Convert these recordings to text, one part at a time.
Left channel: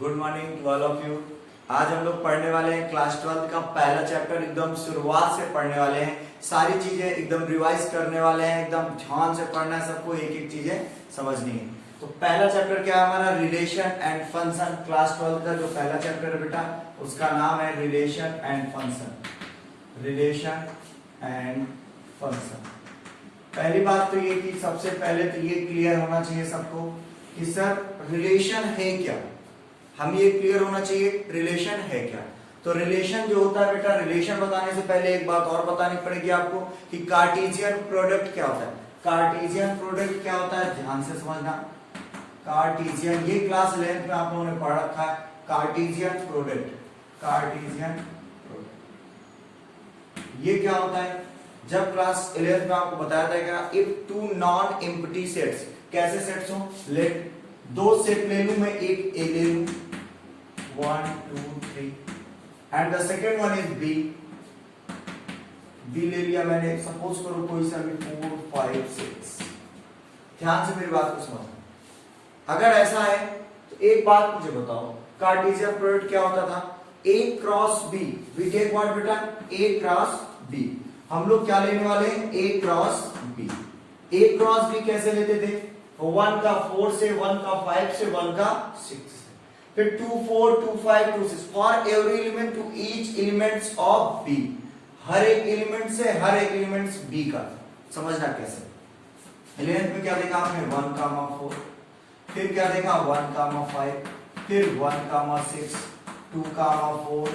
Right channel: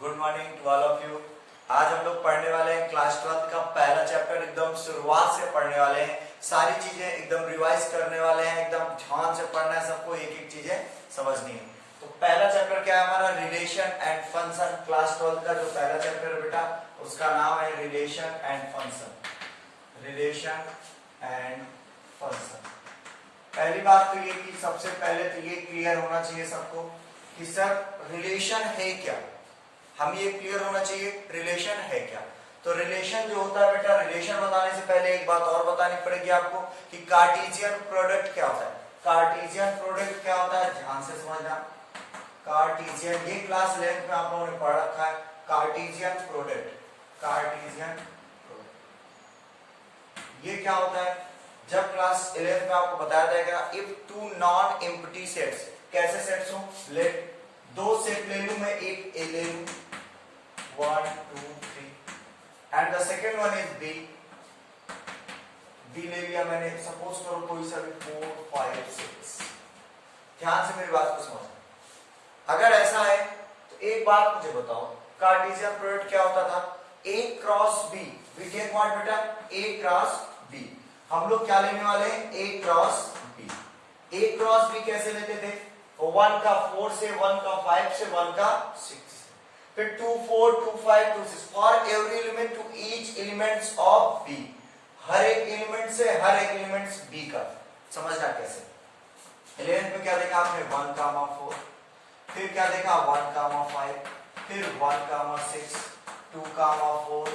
Good morning to all of you. आज हम लोग पढ़ने वाले हैं क्लास 12 का पहला चैप्टर। एकदम शुरुआत से पढ़ने वाले हैं, सारी चीजें एकदम रिवाइज करने वाले हैं। एकदम ध्यान से पढ़ना है, सबको एक एक चीजें समझनी है। तो पहला चैप्टर क्या है हमारा? Relation and function. क्लास 12 का जो पहला चैप्टर है बेटा, उसका नाम है relation and function. Relation and function. पहली बात तो ये कि सबसे पहले तो ये क्लियर होना चाहिए सबको कि सर रिलेशन है क्या। हम ये क्लियर होना चाहिए रिलेशन है क्या। तो रिलेशन जो होता है बेटा, रिलेशन बताने से पहले एक बात और बतानी पड़ेगी आपको कि कार्टेशियन प्रोडक्ट क्या होता है। कार्टेशियन प्रोडक्ट क्या होता है, ध्यान से समझना। कार्टेशियन, ये क्लास 11 में आप लोगों ने पढ़ रखा है। कार्टेशियन प्रोडक्ट, कार्टेशियन प्रोडक्ट ये क्या होता है? जब क्लास 11 में आपको बताया जाएगा if two non empty sets, कैसे सेट्स हो, लेट दो सेट ले लूं मैं, एक ए ले लूं 1 2 3 and the second one is B. B ले लिया मैंने, सपोज करो कोई सा भी 4 5 6। ध्यान से मेरी बात को समझो। अगर ऐसा है तो एक बात मुझे बताओ, कार्टेशियन प्रोडक्ट क्या होता था? A cross B. We take what बेटा? A cross B. हम लोग क्या लेने वाले हैं? A cross B. A cross B कैसे लेते थे? 1 का 4 से, 1 का 5 से, 1 का 6 से, फिर 2 4 2 5 2 6 for every element to each elements of B. हर एक एलिमेंट से हर एक एलिमेंट्स बी का समझना कैसे। 11th में क्या देखा आपने? 1 कामा 4, फिर क्या देखा? 1 कामा 5, फिर 1 कामा 6, 2 कामा 4,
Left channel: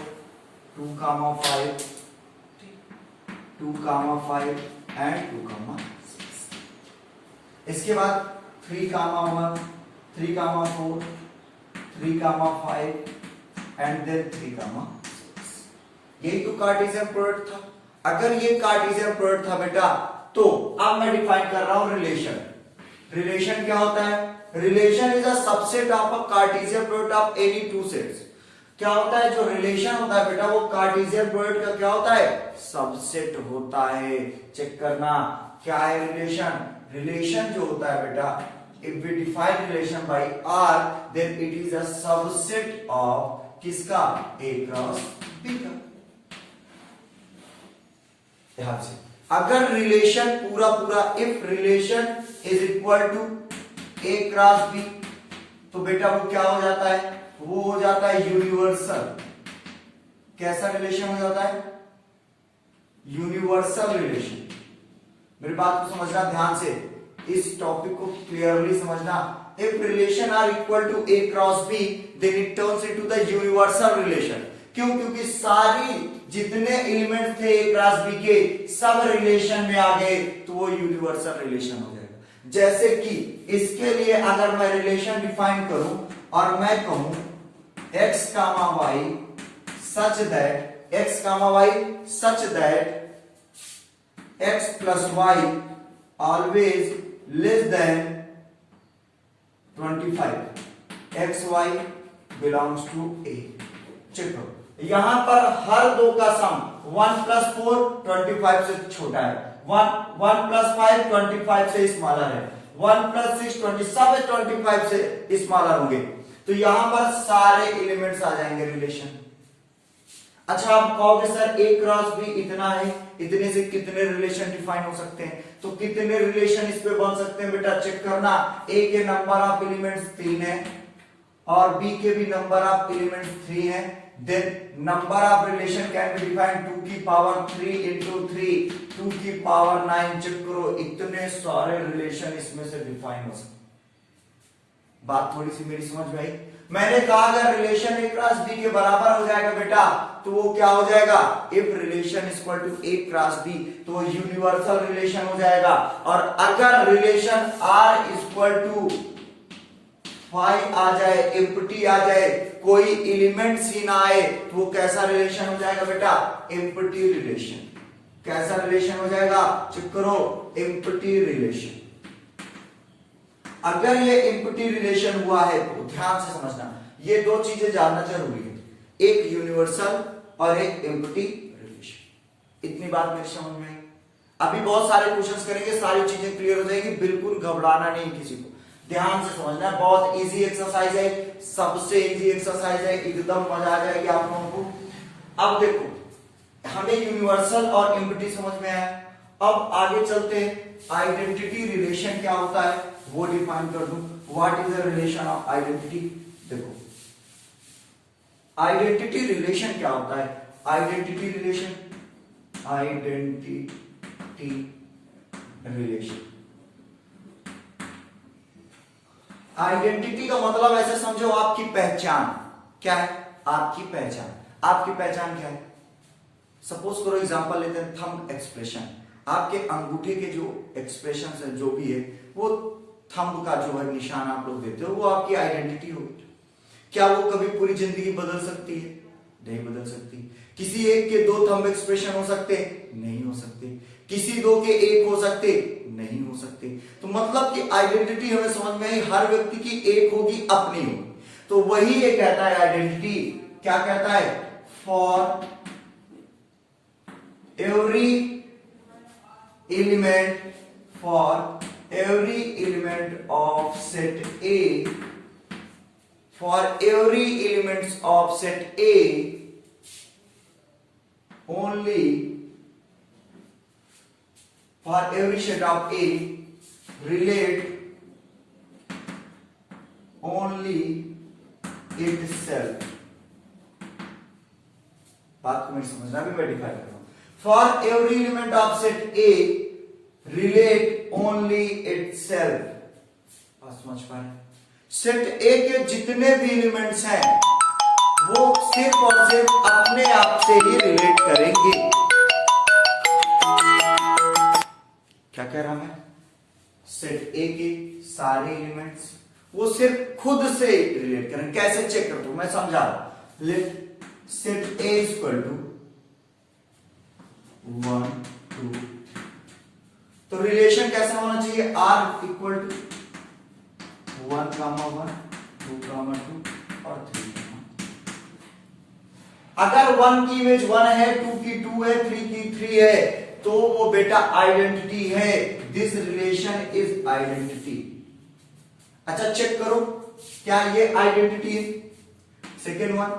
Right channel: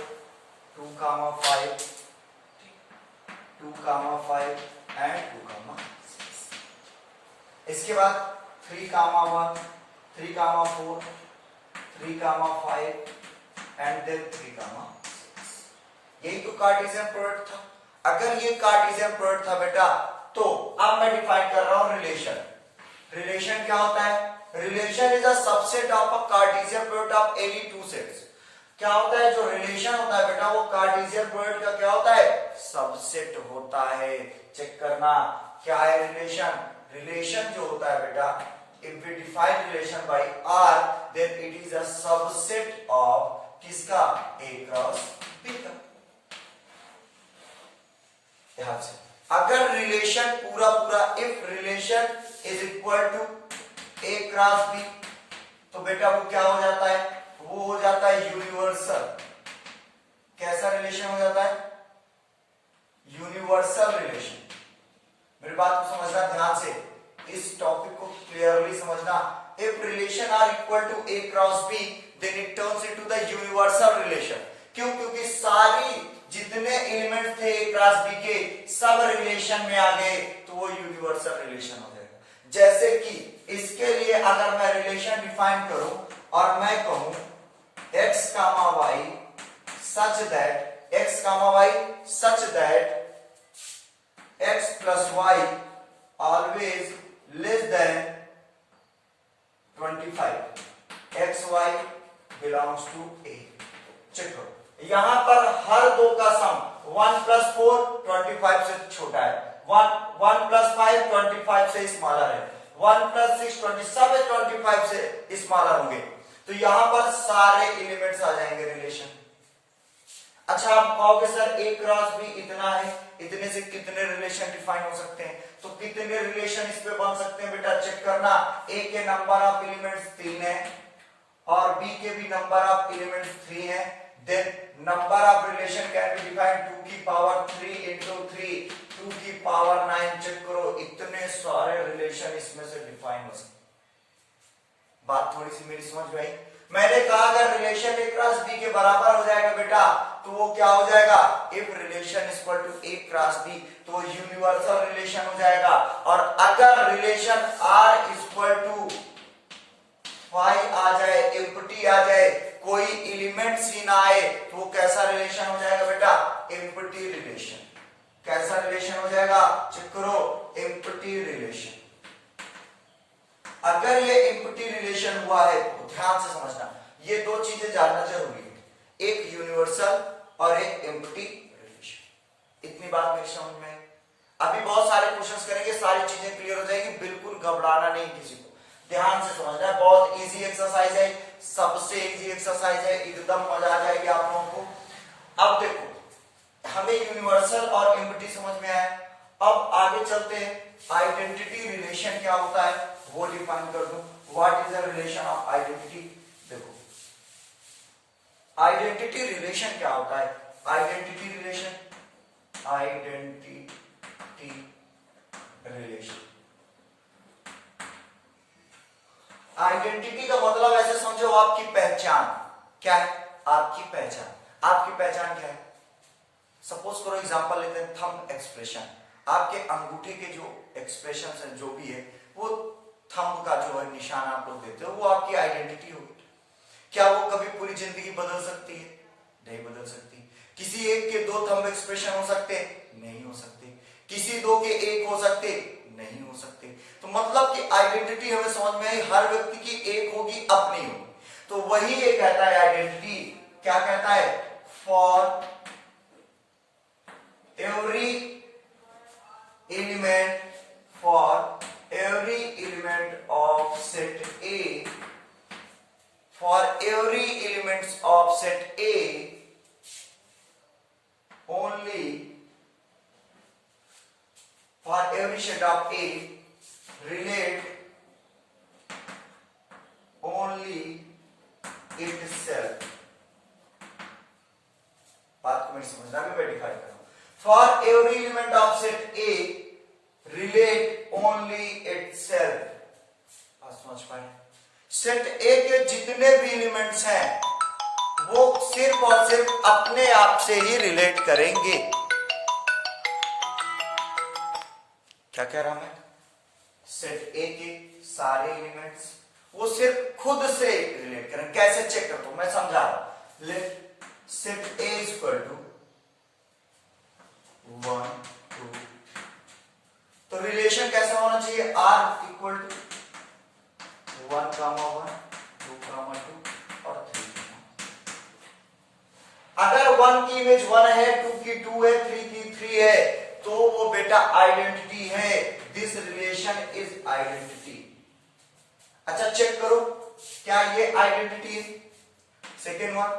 2 कामा 5, 2 कामा 5 एंड 2 कामा 6। इसके बाद 3 कामा 1, 3 कामा 4, 3 कामा 5 एंड देन 3 कामा 6। यही तो कार्टेशियन प्रोडक्ट था। अगर ये कार्टेशियन प्रोडक्ट था बेटा, तो अब मैं डिफाइन कर रहा हूं रिलेशन। रिलेशन क्या होता है? Relation is a subset of a Cartesian product of any two sets. क्या होता है? जो रिलेशन होता है बेटा, वो कार्टेशियन प्रोडक्ट का क्या होता है? सबसेट होता है। चेक करना क्या है रिलेशन। रिलेशन जो होता है बेटा, if we define relation by R, then it is a subset of किसका? A cross B का। ध्यान से, अगर रिलेशन पूरा पूरा, if relation is equal to A cross B, तो बेटा वो क्या हो जाता है? वो हो जाता है यूनिवर्सल। कैसा रिलेशन हो जाता है? Universal relation. मेरी बात को समझना ध्यान से, इस टॉपिक को क्लियरली समझना। If relation R equal to A cross B, then it turns into the universal relation. क्यों? क्योंकि सारी जितने एलिमेंट्स थे ए क्रॉस बी के, सब रिलेशन में आ गए, तो वो यूनिवर्सल रिलेशन हो जाएगा। जैसे कि इसके लिए अगर मैं रिलेशन डिफाइन करूं और मैं कहूं x comma y such that, x comma y such that x plus y always less than 25, xy belongs to a। Check करो, यहां पर हर दो का सम 1 प्लस 4 25 से छोटा है, 1 प्लस 5 25 से स्मॉलर है, 1 प्लस 6 20, सब 25 से स्मॉलर होंगे। तो यहां पर सारे एलिमेंट्स आ जाएंगे रिलेशन। अच्छा, आप कहोगे सर ए क्रॉस बी इतना है, इतने से कितने रिलेशन डिफाइन हो सकते हैं? तो कितने रिलेशन इस पे बन सकते हैं बेटा? चेक करना। ए के नंबर ऑफ एलिमेंट्स 3 है और बी के भी नंबर ऑफ एलिमेंट्स 3 है। Then number of relation can be defined 2 की पावर 3 इंटू 3, 2 की पावर 9। चेक करो, इतने सारे रिलेशन इसमें से डिफाइन हो सकते। बात थोड़ी सी मेरी समझ में आई? मैंने कहा अगर रिलेशन ए क्रॉस बी के बराबर हो जाएगा बेटा, तो वो क्या हो जाएगा? If relation is equal to A cross B, तो यूनिवर्सल रिलेशन हो जाएगा। और अगर रिलेशन आर इक्वल टू 5 आ जाए, एम्प्टी आ जाए, कोई एलिमेंट सी ना आए, तो वो कैसा रिलेशन हो जाएगा बेटा? Empty relation. कैसा रिलेशन हो जाएगा? चेक करो, एम्प्टी रिलेशन। अगर ये एम्प्टी रिलेशन हुआ है तो ध्यान से समझना, ये दो चीजें जानना जरूरी है, एक यूनिवर्सल और एक एम्प्टी रिलेशन। इतनी बात मेरी समझ में आई? अभी बहुत सारे क्वेश्चंस करेंगे, सारी चीजें क्लियर हो जाएगी, बिल्कुल घबराना नहीं किसी को। ध्यान से समझना, बहुत इजी एक्सरसाइज है, सबसे इजी एक्सरसाइज है, एकदम मजा आ जाएगी आप लोगों को। अब देखो हमें यूनिवर्सल और एम्प्टी समझ में आया, अब आगे चलते हैं। आइडेंटिटी रिलेशन क्या होता है वो डिफाइन कर दूं। What is the relation of identity? देखो आइडेंटिटी रिलेशन क्या होता है? आइडेंटिटी रिलेशन आइडेंटिटी का मतलब ऐसे समझो आपकी पहचान। क्या है आपकी पहचान? आपकी पहचान क्या है? सपोज करो एग्जांपल लेते हैं, थंब एक्सप्रेशन। आपके अंगूठे के जो एक्सप्रेशन है जो भी है वो थंब का जो है निशान आप लोग देते हो वो आपकी आइडेंटिटी होगी। क्या वो कभी पूरी जिंदगी बदल सकती है? नहीं बदल सकती। किसी एक के दो थंब एक्सप्रेशन हो सकते? नहीं हो सकते। किसी दो के एक हो सकते? नहीं हो सकते। तो मतलब कि आइडेंटिटी हमें समझ में आई, हर व्यक्ति की एक होगी, अपनी होगी। तो वही ये कहता है आइडेंटिटी, क्या कहता है? For every element of set A, for every elements of set A, only for every set of A relate only itself। बात को मैं समझना भी वेरीफाई कर रहा हूं। For every element of set A relate only itself। बात समझ पाए? सेट ए के जितने भी एलिमेंट्स हैं वो सिर्फ और सिर्फ अपने आप से ही रिलेट करेंगे। क्या कह रहा हूं मैं? सेट ए के सारे एलिमेंट्स वो सिर्फ खुद से रिलेट करेंगे। कैसे चेक करता हूं मैं, समझा रहा हूं। Let set A is equal to 1 2 तो रिलेशन कैसा होना चाहिए? आर इक्वल टू 1, 1, 2, 2 और 3। अगर 1 की इमेज 1 है, 2 की 2 है, 3 की 3 है तो वो बेटा आइडेंटिटी है। This relation is identity. अच्छा चेक करो क्या ये आइडेंटिटी है? सेकेंड वन,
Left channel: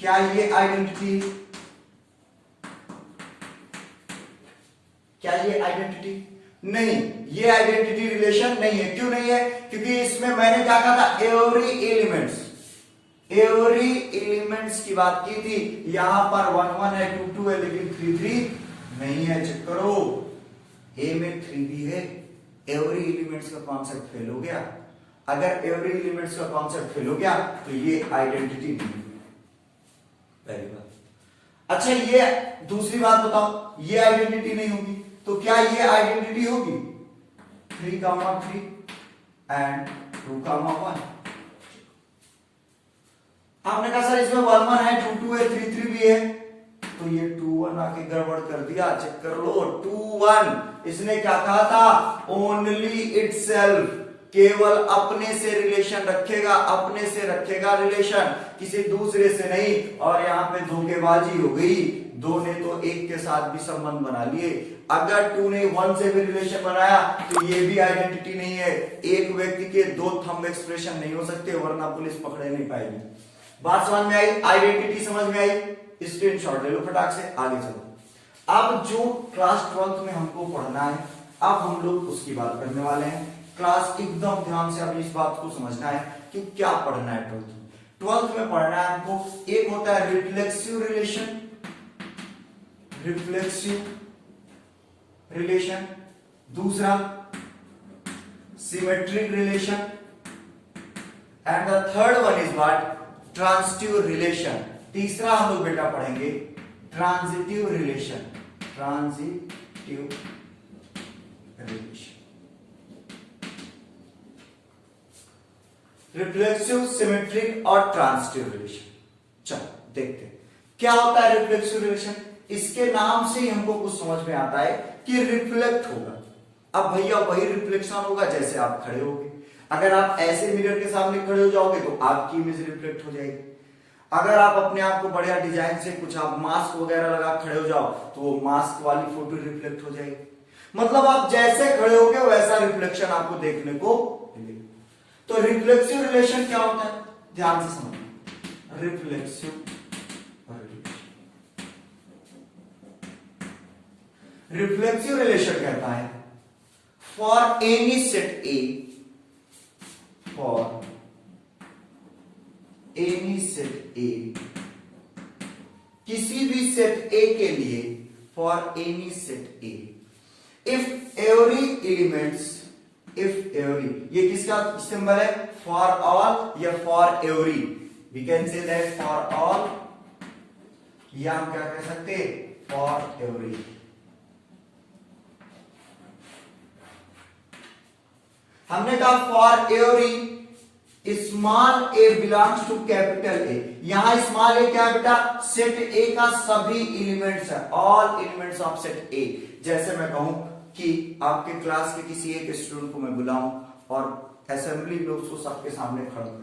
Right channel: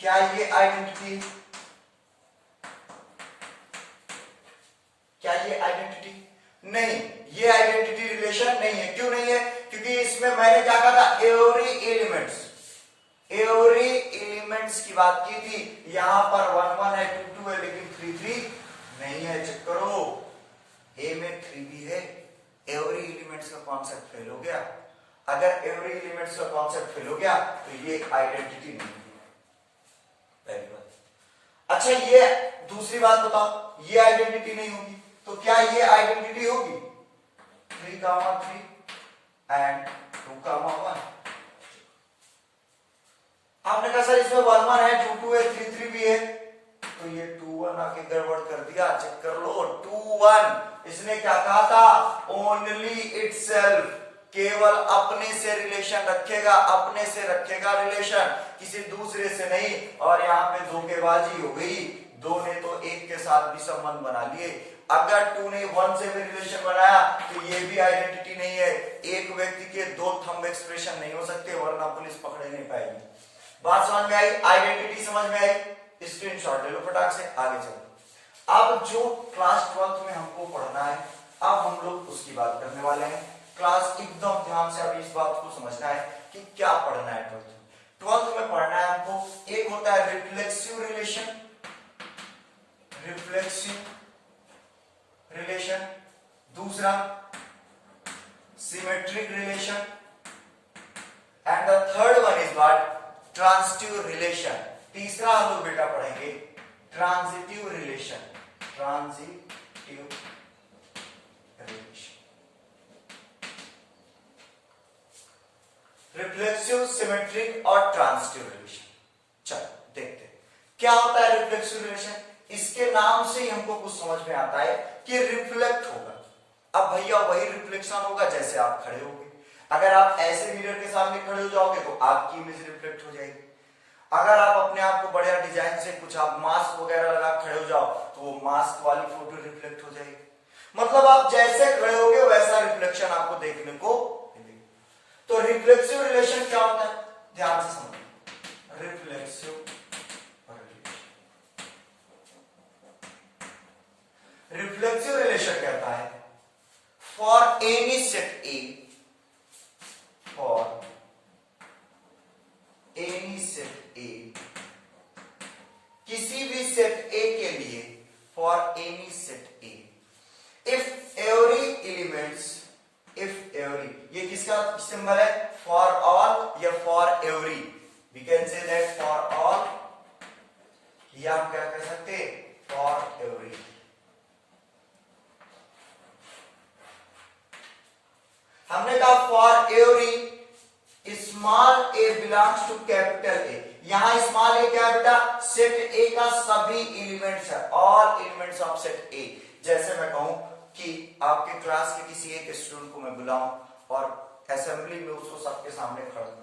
क्या ये आइडेंटिटी है? क्या ये आइडेंटिटी? नहीं, ये आइडेंटिटी रिलेशन नहीं है। क्यों नहीं है? क्योंकि इसमें मैंने क्या कहा था? एवरी एलिमेंट्स की बात की थी। यहां पर 1 1 है, 2 2 है, लेकिन 3 3 नहीं है। चेक करो ए में 3 भी है। एवरी एलिमेंट्स का कॉन्सेप्ट फेल हो गया। अगर एवरी एलिमेंट्स का कॉन्सेप्ट फेल हो गया तो ये आइडेंटिटी नहीं है। पहली बात। अच्छा ये दूसरी बात बताओ, ये आइडेंटिटी नहीं होगी तो क्या ये आइडेंटिटी होगी? 3, 3 एंड 2, 1। आपने कहा सर इसमें 1 1 है, 2 2 है, 3 3 भी है, तो ये 2 1 आके गड़बड़ कर दिया। चेक कर लो 2 1। इसने क्या कहा था? ओनली इटसेल्फ, केवल अपने से रिलेशन रखेगा, अपने से रखेगा रिलेशन, किसी दूसरे से नहीं। और यहां पे धोखेबाजी हो गई। 2 ने तो 1 के साथ भी संबंध बना लिए। अगर 2 ने 1 से भी रिलेशन बनाया तो ये भी आइडेंटिटी नहीं है। एक व्यक्ति के 2 थंब एक्सप्रेशन नहीं हो सकते, वरना पुलिस पकड़े नहीं पाएगी। बात समझ में आई? आइडेंटिटी समझ में आई? स्क्रीनशॉट ले लो फटाक से, आगे चलो। अब जो क्लास 12th में हमको पढ़ना है, अब हम लोग उसकी बात करने वाले हैं। क्लास एकदम ध्यान से अभी इस बात को समझना है कि क्या पढ़ना है 12th में। 12th में पढ़ना है हमको, एक होता है रिफ्लेक्सिव रिलेशन, दूसरा symmetric relation, and the third one is what? Transitive relation. तीसरा हम लोग बेटा पढ़ेंगे ट्रांजिटिव रिलेशन। रिफ्लेक्सिव, सिमेट्रिक और ट्रांजिटिव रिलेशन। चलो देखते हैं क्या होता है रिफ्लेक्सिव रिलेशन। इसके नाम से ही हमको कुछ समझ में आता है कि रिफ्लेक्ट होगा। अब भैया वही रिफ्लेक्शन होगा जैसे आप खड़े होगे। अगर आप ऐसे मिरर के सामने खड़े हो जाओगे तो आपकी इमेज रिफ्लेक्ट हो जाएगी। अगर आप अपने आप को बढ़िया डिजाइन से कुछ आप मास्क वगैरह लगा खड़े हो जाओ तो वो मास्क वाली फोटो रिफ्लेक्ट हो जाएगी। मतलब आप जैसे खड़े होगे वैसा रिफ्लेक्शन आपको देखने को मिलेगा। तो रिफ्लेक्सिव रिलेशन क्या होता है ध्यान से समझो, रिफ्लेक्सिव रिलेशन कहता है for any set A, for any set A, किसी भी सेट ए के लिए, for any set A, if every elements, if every, ये किसका सिंबल है, फॉर ऑल या for every, we can say that for all, या हम क्या कह सकते, फॉर एवरी। हमने कहा for every small a belongs to capital A, यहां स्मॉल ए क्या है बेटा, सेट ए का सभी एलिमेंट्स है, ऑल एलिमेंट्स ऑफ सेट ए। जैसे मैं कहूं कि आपके क्लास के किसी एक स्टूडेंट को मैं बुलाऊं और असेंबली में उसको सबके सामने खड़ा करूं,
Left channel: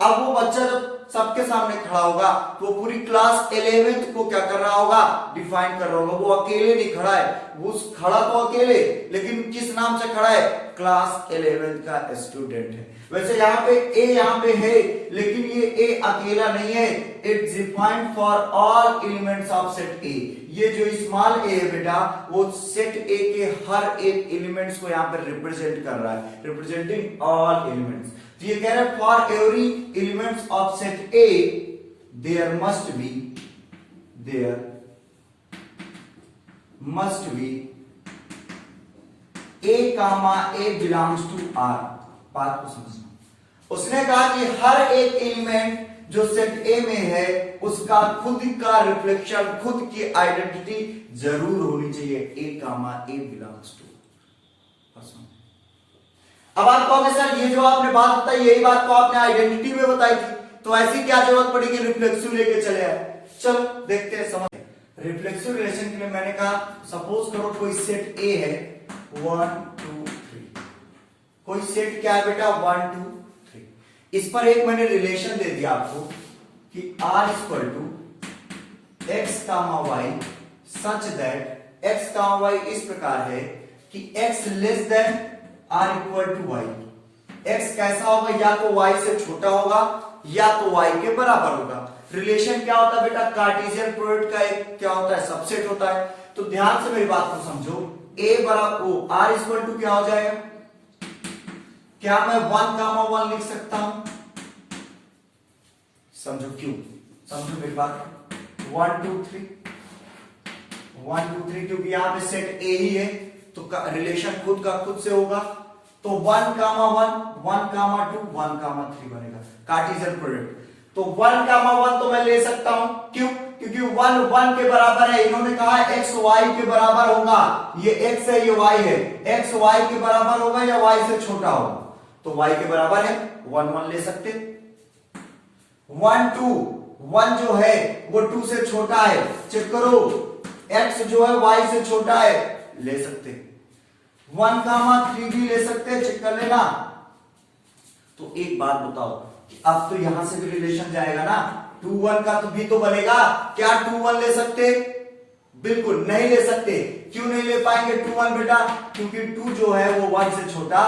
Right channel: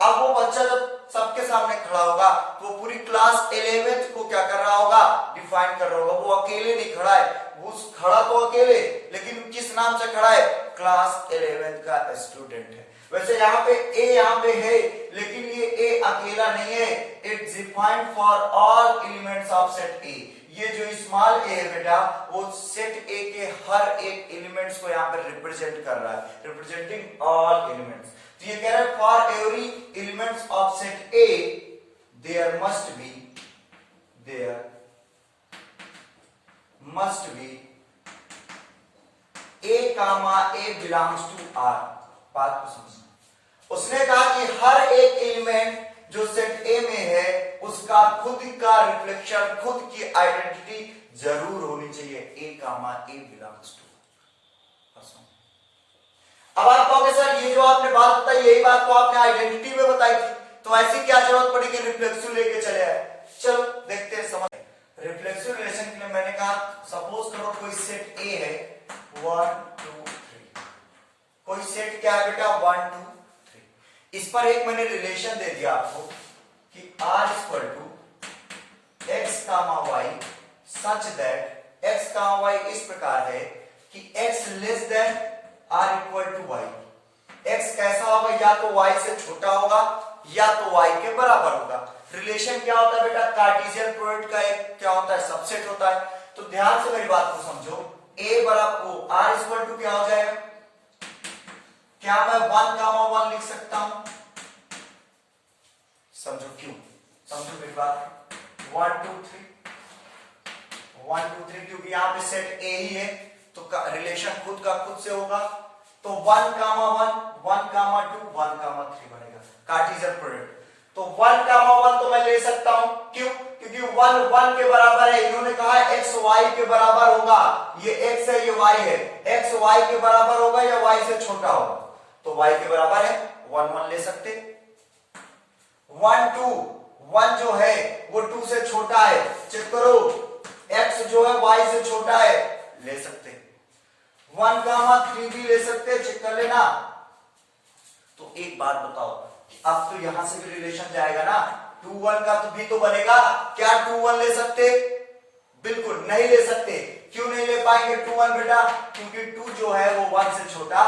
अब वो बच्चा जब सबके सामने खड़ा होगा वो पूरी क्लास 11th को क्या कर रहा होगा, डिफाइन कर रहा होगा। वो अकेले नहीं खड़ा है, वो खड़ा तो अकेले, लेकिन किस नाम से खड़ा है, क्लास 11th का स्टूडेंट है। वैसे यहाँ पे ए यहाँ पे है, लेकिन ये ए अकेला नहीं है, it's defined for all elements of set ए। ये जो स्मॉल ए है बेटा, वो सेट ए के हर एक एलिमेंट्स को यहाँ पर रिप्रेजेंट कर रहा है, रिप्रेजेंटिंग ऑल एलिमेंट्स। तो ये कह रहा है for every elements of set A there must be a comma a belongs to R. बात को समझना, उसने कहा कि हर एक एलिमेंट जो सेट ए में है उसका खुद का रिफ्लेक्शन, खुद की आइडेंटिटी जरूर होनी चाहिए, ए कामा ए बिलोंग्स टू। अब आप कहोगे सर ये जो आपने बात बताई यही बात तो आपने आइडेंटिटी में बताई थी, तो ऐसी क्या जरूरत पड़ी कि रिफ्लेक्सिव लेके चले आए। चलो देखते हैं, समझ। रिफ्लेक्सिव रिलेशन के लिए मैंने कहा सपोज करो कोई सेट ए है 1 2 3, कोई सेट क्या है बेटा 1 2 3, इस पर एक मैंने रिलेशन दे दिया आपको कि r equal to x comma y such that x comma y इस प्रकार है कि x less than r equal to y. x कैसा होगा, या तो y से छोटा होगा या तो y के बराबर होगा। रिलेशन क्या होता है बेटा, कार्टेशियन प्रोडक्ट का एक क्या होता है, सबसेट होता है। तो ध्यान से मेरी बात को समझो, a बराबर o, r इक्वल टू क्या हो जाएगा, क्या मैं 1 कामा 1 लिख सकता हूं, समझो क्यों, समझो मेरी बात, 1 2 3 1 2 3, क्योंकि यहां पे सेट a ही है तो रिलेशन खुद का खुद से होगा। तो 1 कामा 1 1 कामा 2 1 कामा 3 बनेगा कार्टेशियन प्रोडक्ट। तो 1 कामा 1 तो मैं ले सकता हूं, क्यों, क्योंकि 1 1 के बराबर है। इन्होंने कहा x y के बराबर होगा, ये x है ये y है, x y के बराबर होगा या y से छोटा होगा, तो y के बराबर है 1 1 ले सकते। 1 2 1 जो है वो 2 से छोटा है, चेक करो, x जो है y से छोटा है, ले सकते। 1 कामा 3 भी ले सकते, चेक कर लेना। तो एक बात बताओ, अब तो यहां से भी रिलेशन जाएगा ना, 2 1 का तो भी तो बनेगा, क्या 2 1 ले सकते, बिल्कुल नहीं ले सकते। क्यों नहीं ले पाएंगे 2 1 बेटा, क्योंकि 2 जो है वो 1 से छोटा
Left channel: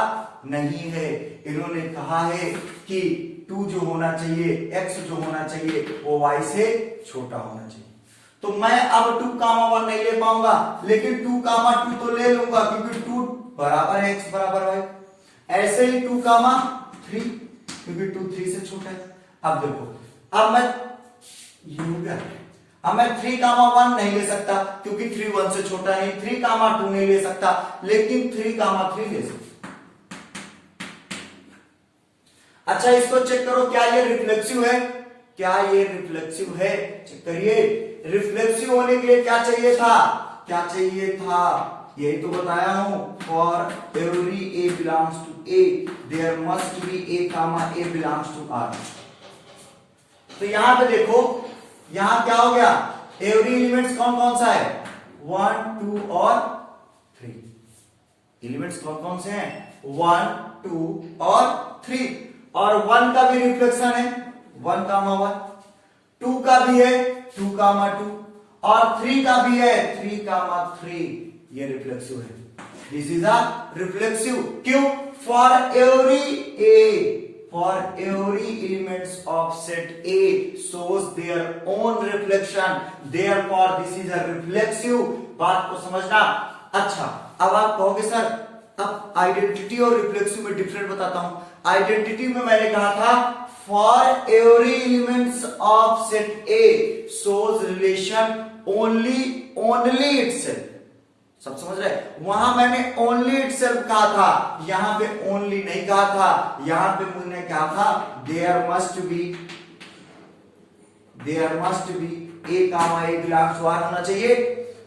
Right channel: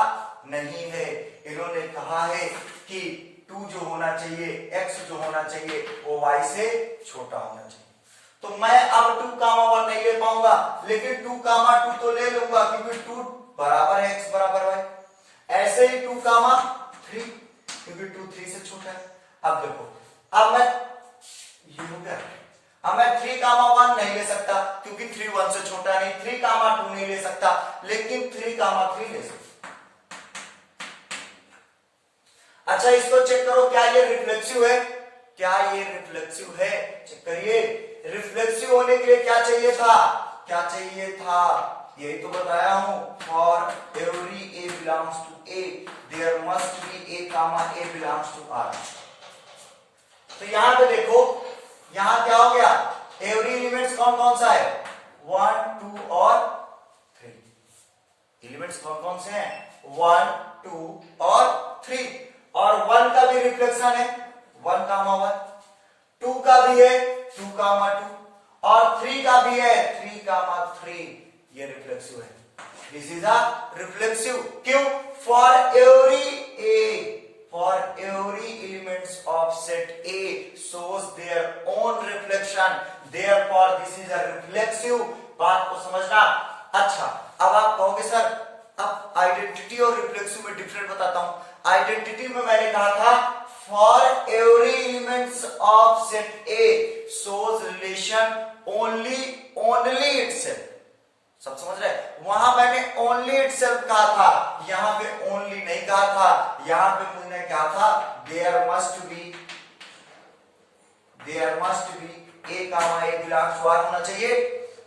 नहीं है। इन्होंने कहा है कि 2 जो होना चाहिए, x जो होना चाहिए वो y से छोटा होना चाहिए। तो मैं अब 2 कामा 1 नहीं ले पाऊंगा, लेकिन 2 कामा 2 तो ले लूंगा, क्योंकि 2 बराबर है x बराबर y। ऐसे ही 2 कामा 3, क्योंकि 2 3 से छोटा है। अब देखो, अब मैं ये हो गया, अब मैं 3 कामा 1 नहीं ले सकता, क्योंकि 3 1 से छोटा नहीं। 3 कामा 2 नहीं ले सकता, लेकिन 3 कामा 3 ले सकता। अच्छा इसको चेक करो, क्या ये रिफ्लेक्सिव है, क्या ये रिफ्लेक्सिव है, चेक करिए। रिफ्लेक्सिव होने के लिए क्या चाहिए था, क्या चाहिए था, यही तो बताया हूं, for every a belongs to A there must be a comma a belongs to R. तो यहां पे देखो, यहां क्या हो गया, एवरी एलिमेंट्स कौन कौन सा है, 1 2 और 3। एलिमेंट्स कौन कौन से हैं, 1 2 और 3, और 1 का भी रिफ्लेक्शन है 1 कामा 1, 2 का भी है 2 कामा 2, और 3 का भी है 3 कामा 3। ये रिफ्लेक्सिव है, दिस इज अ रिफ्लेक्सिव। क्यों, for every A, for every elements of set A shows their own reflection, therefore this is a reflexive। बात को समझना। अच्छा, अब आप कहोगे सर अब आइडेंटिटी और रिफ्लेक्सिव में डिफरेंट बताता हूं। आइडेंटिटी में मैंने कहा था for every elements of set A shows relation only itself. सब समझ रहे? वहां मैंने ओनली इटसेल्फ कहा था, यहां पे ओनली नहीं कहा था। यहां पे मैंने कहा था there must be a comma a belongs to R होना चाहिए,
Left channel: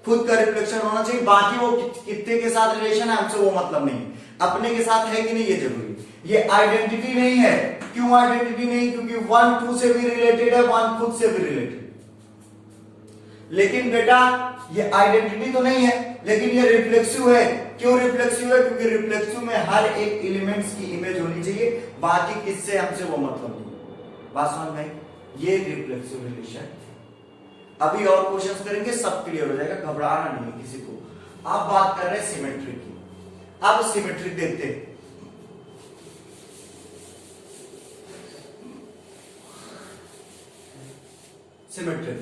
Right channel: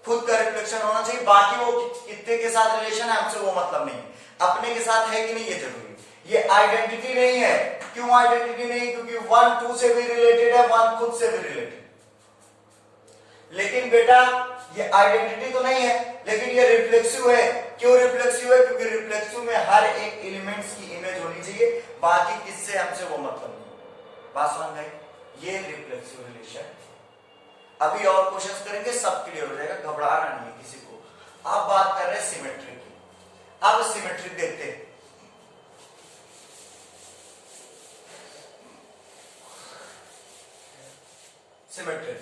खुद का रिफ्लेक्शन होना चाहिए। बाकी वो कितने के साथ रिलेशन है हमसे वो मतलब नहीं, अपने के साथ है कि नहीं ये जरूरी। ये आइडेंटिटी नहीं है। क्यों आइडेंटिटी नहीं? क्योंकि वन टू से भी रिलेटेड है, वन खुद से भी रिलेटेड। लेकिन बेटा ये आइडेंटिटी तो नहीं है, लेकिन ये रिफ्लेक्सिव है। क्यों रिफ्लेक्सिव है? क्योंकि रिफ्लेक्सिव में हर एक एलिमेंट्स की इमेज होनी चाहिए, बाकी किससे हमसे वो मतलब नहीं। बात समझ में? ये रिफ्लेक्सिव रिलेशन। अभी और क्वेश्चंस करेंगे, सब क्लियर हो जाएगा, घबराना नहीं है किसी को। आप बात कर रहे हैं सिमेट्रिक की। अब सिमेट्रिक देखते हैं। सिमेट्रिक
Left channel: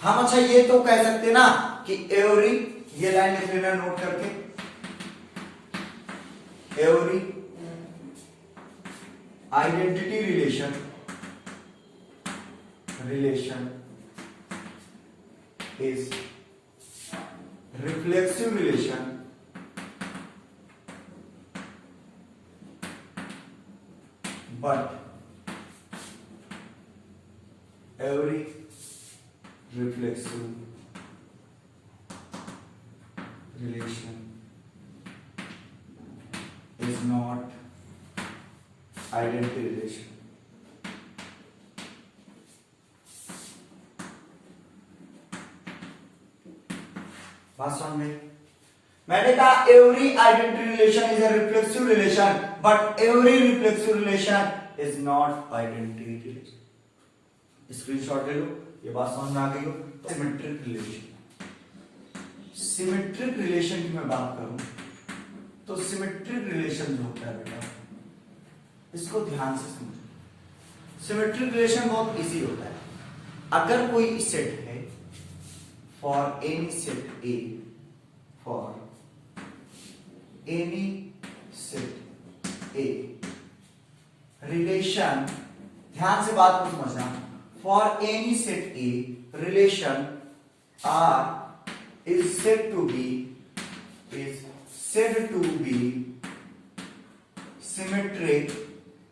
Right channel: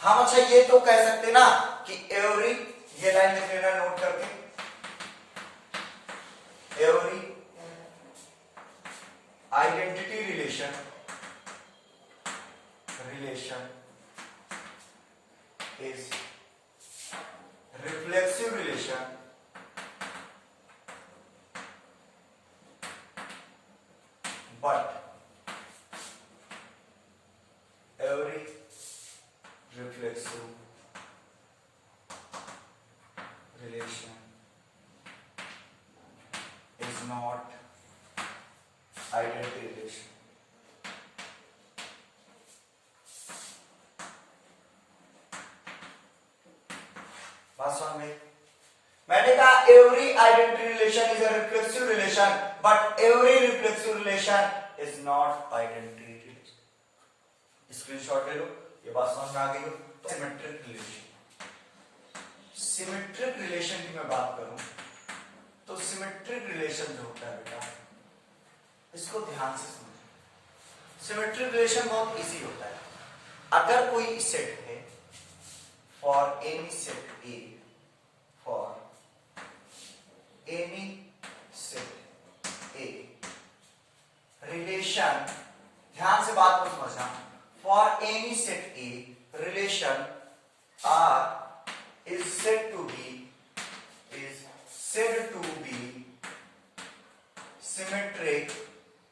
हम अच्छा ये तो कह सकते ना कि एवरी, ये लाइन लिख लेना नोट करके, every identity relation is reflexive relation but every reflexive relation is not identity relation। बात समझ में? मैंने कहा every identity relation is a reflexive relation but every reflexive relation is not identity relation. Screenshot ले लो, ये बात समझ में आ गई हो। सिमेट्रिक रिलेशन, सिमेट्रिक रिलेशन की मैं बात करूं तो सिमेट्रिक रिलेशन जो होता है बेटा, इसको ध्यान से समझो। सिमेट्रिक रिलेशन बहुत इजी होता है। अगर कोई सेट है for any set A, for any set A, relation, ध्यान से बात को समझना, for any set A, relation R is said to be symmetric।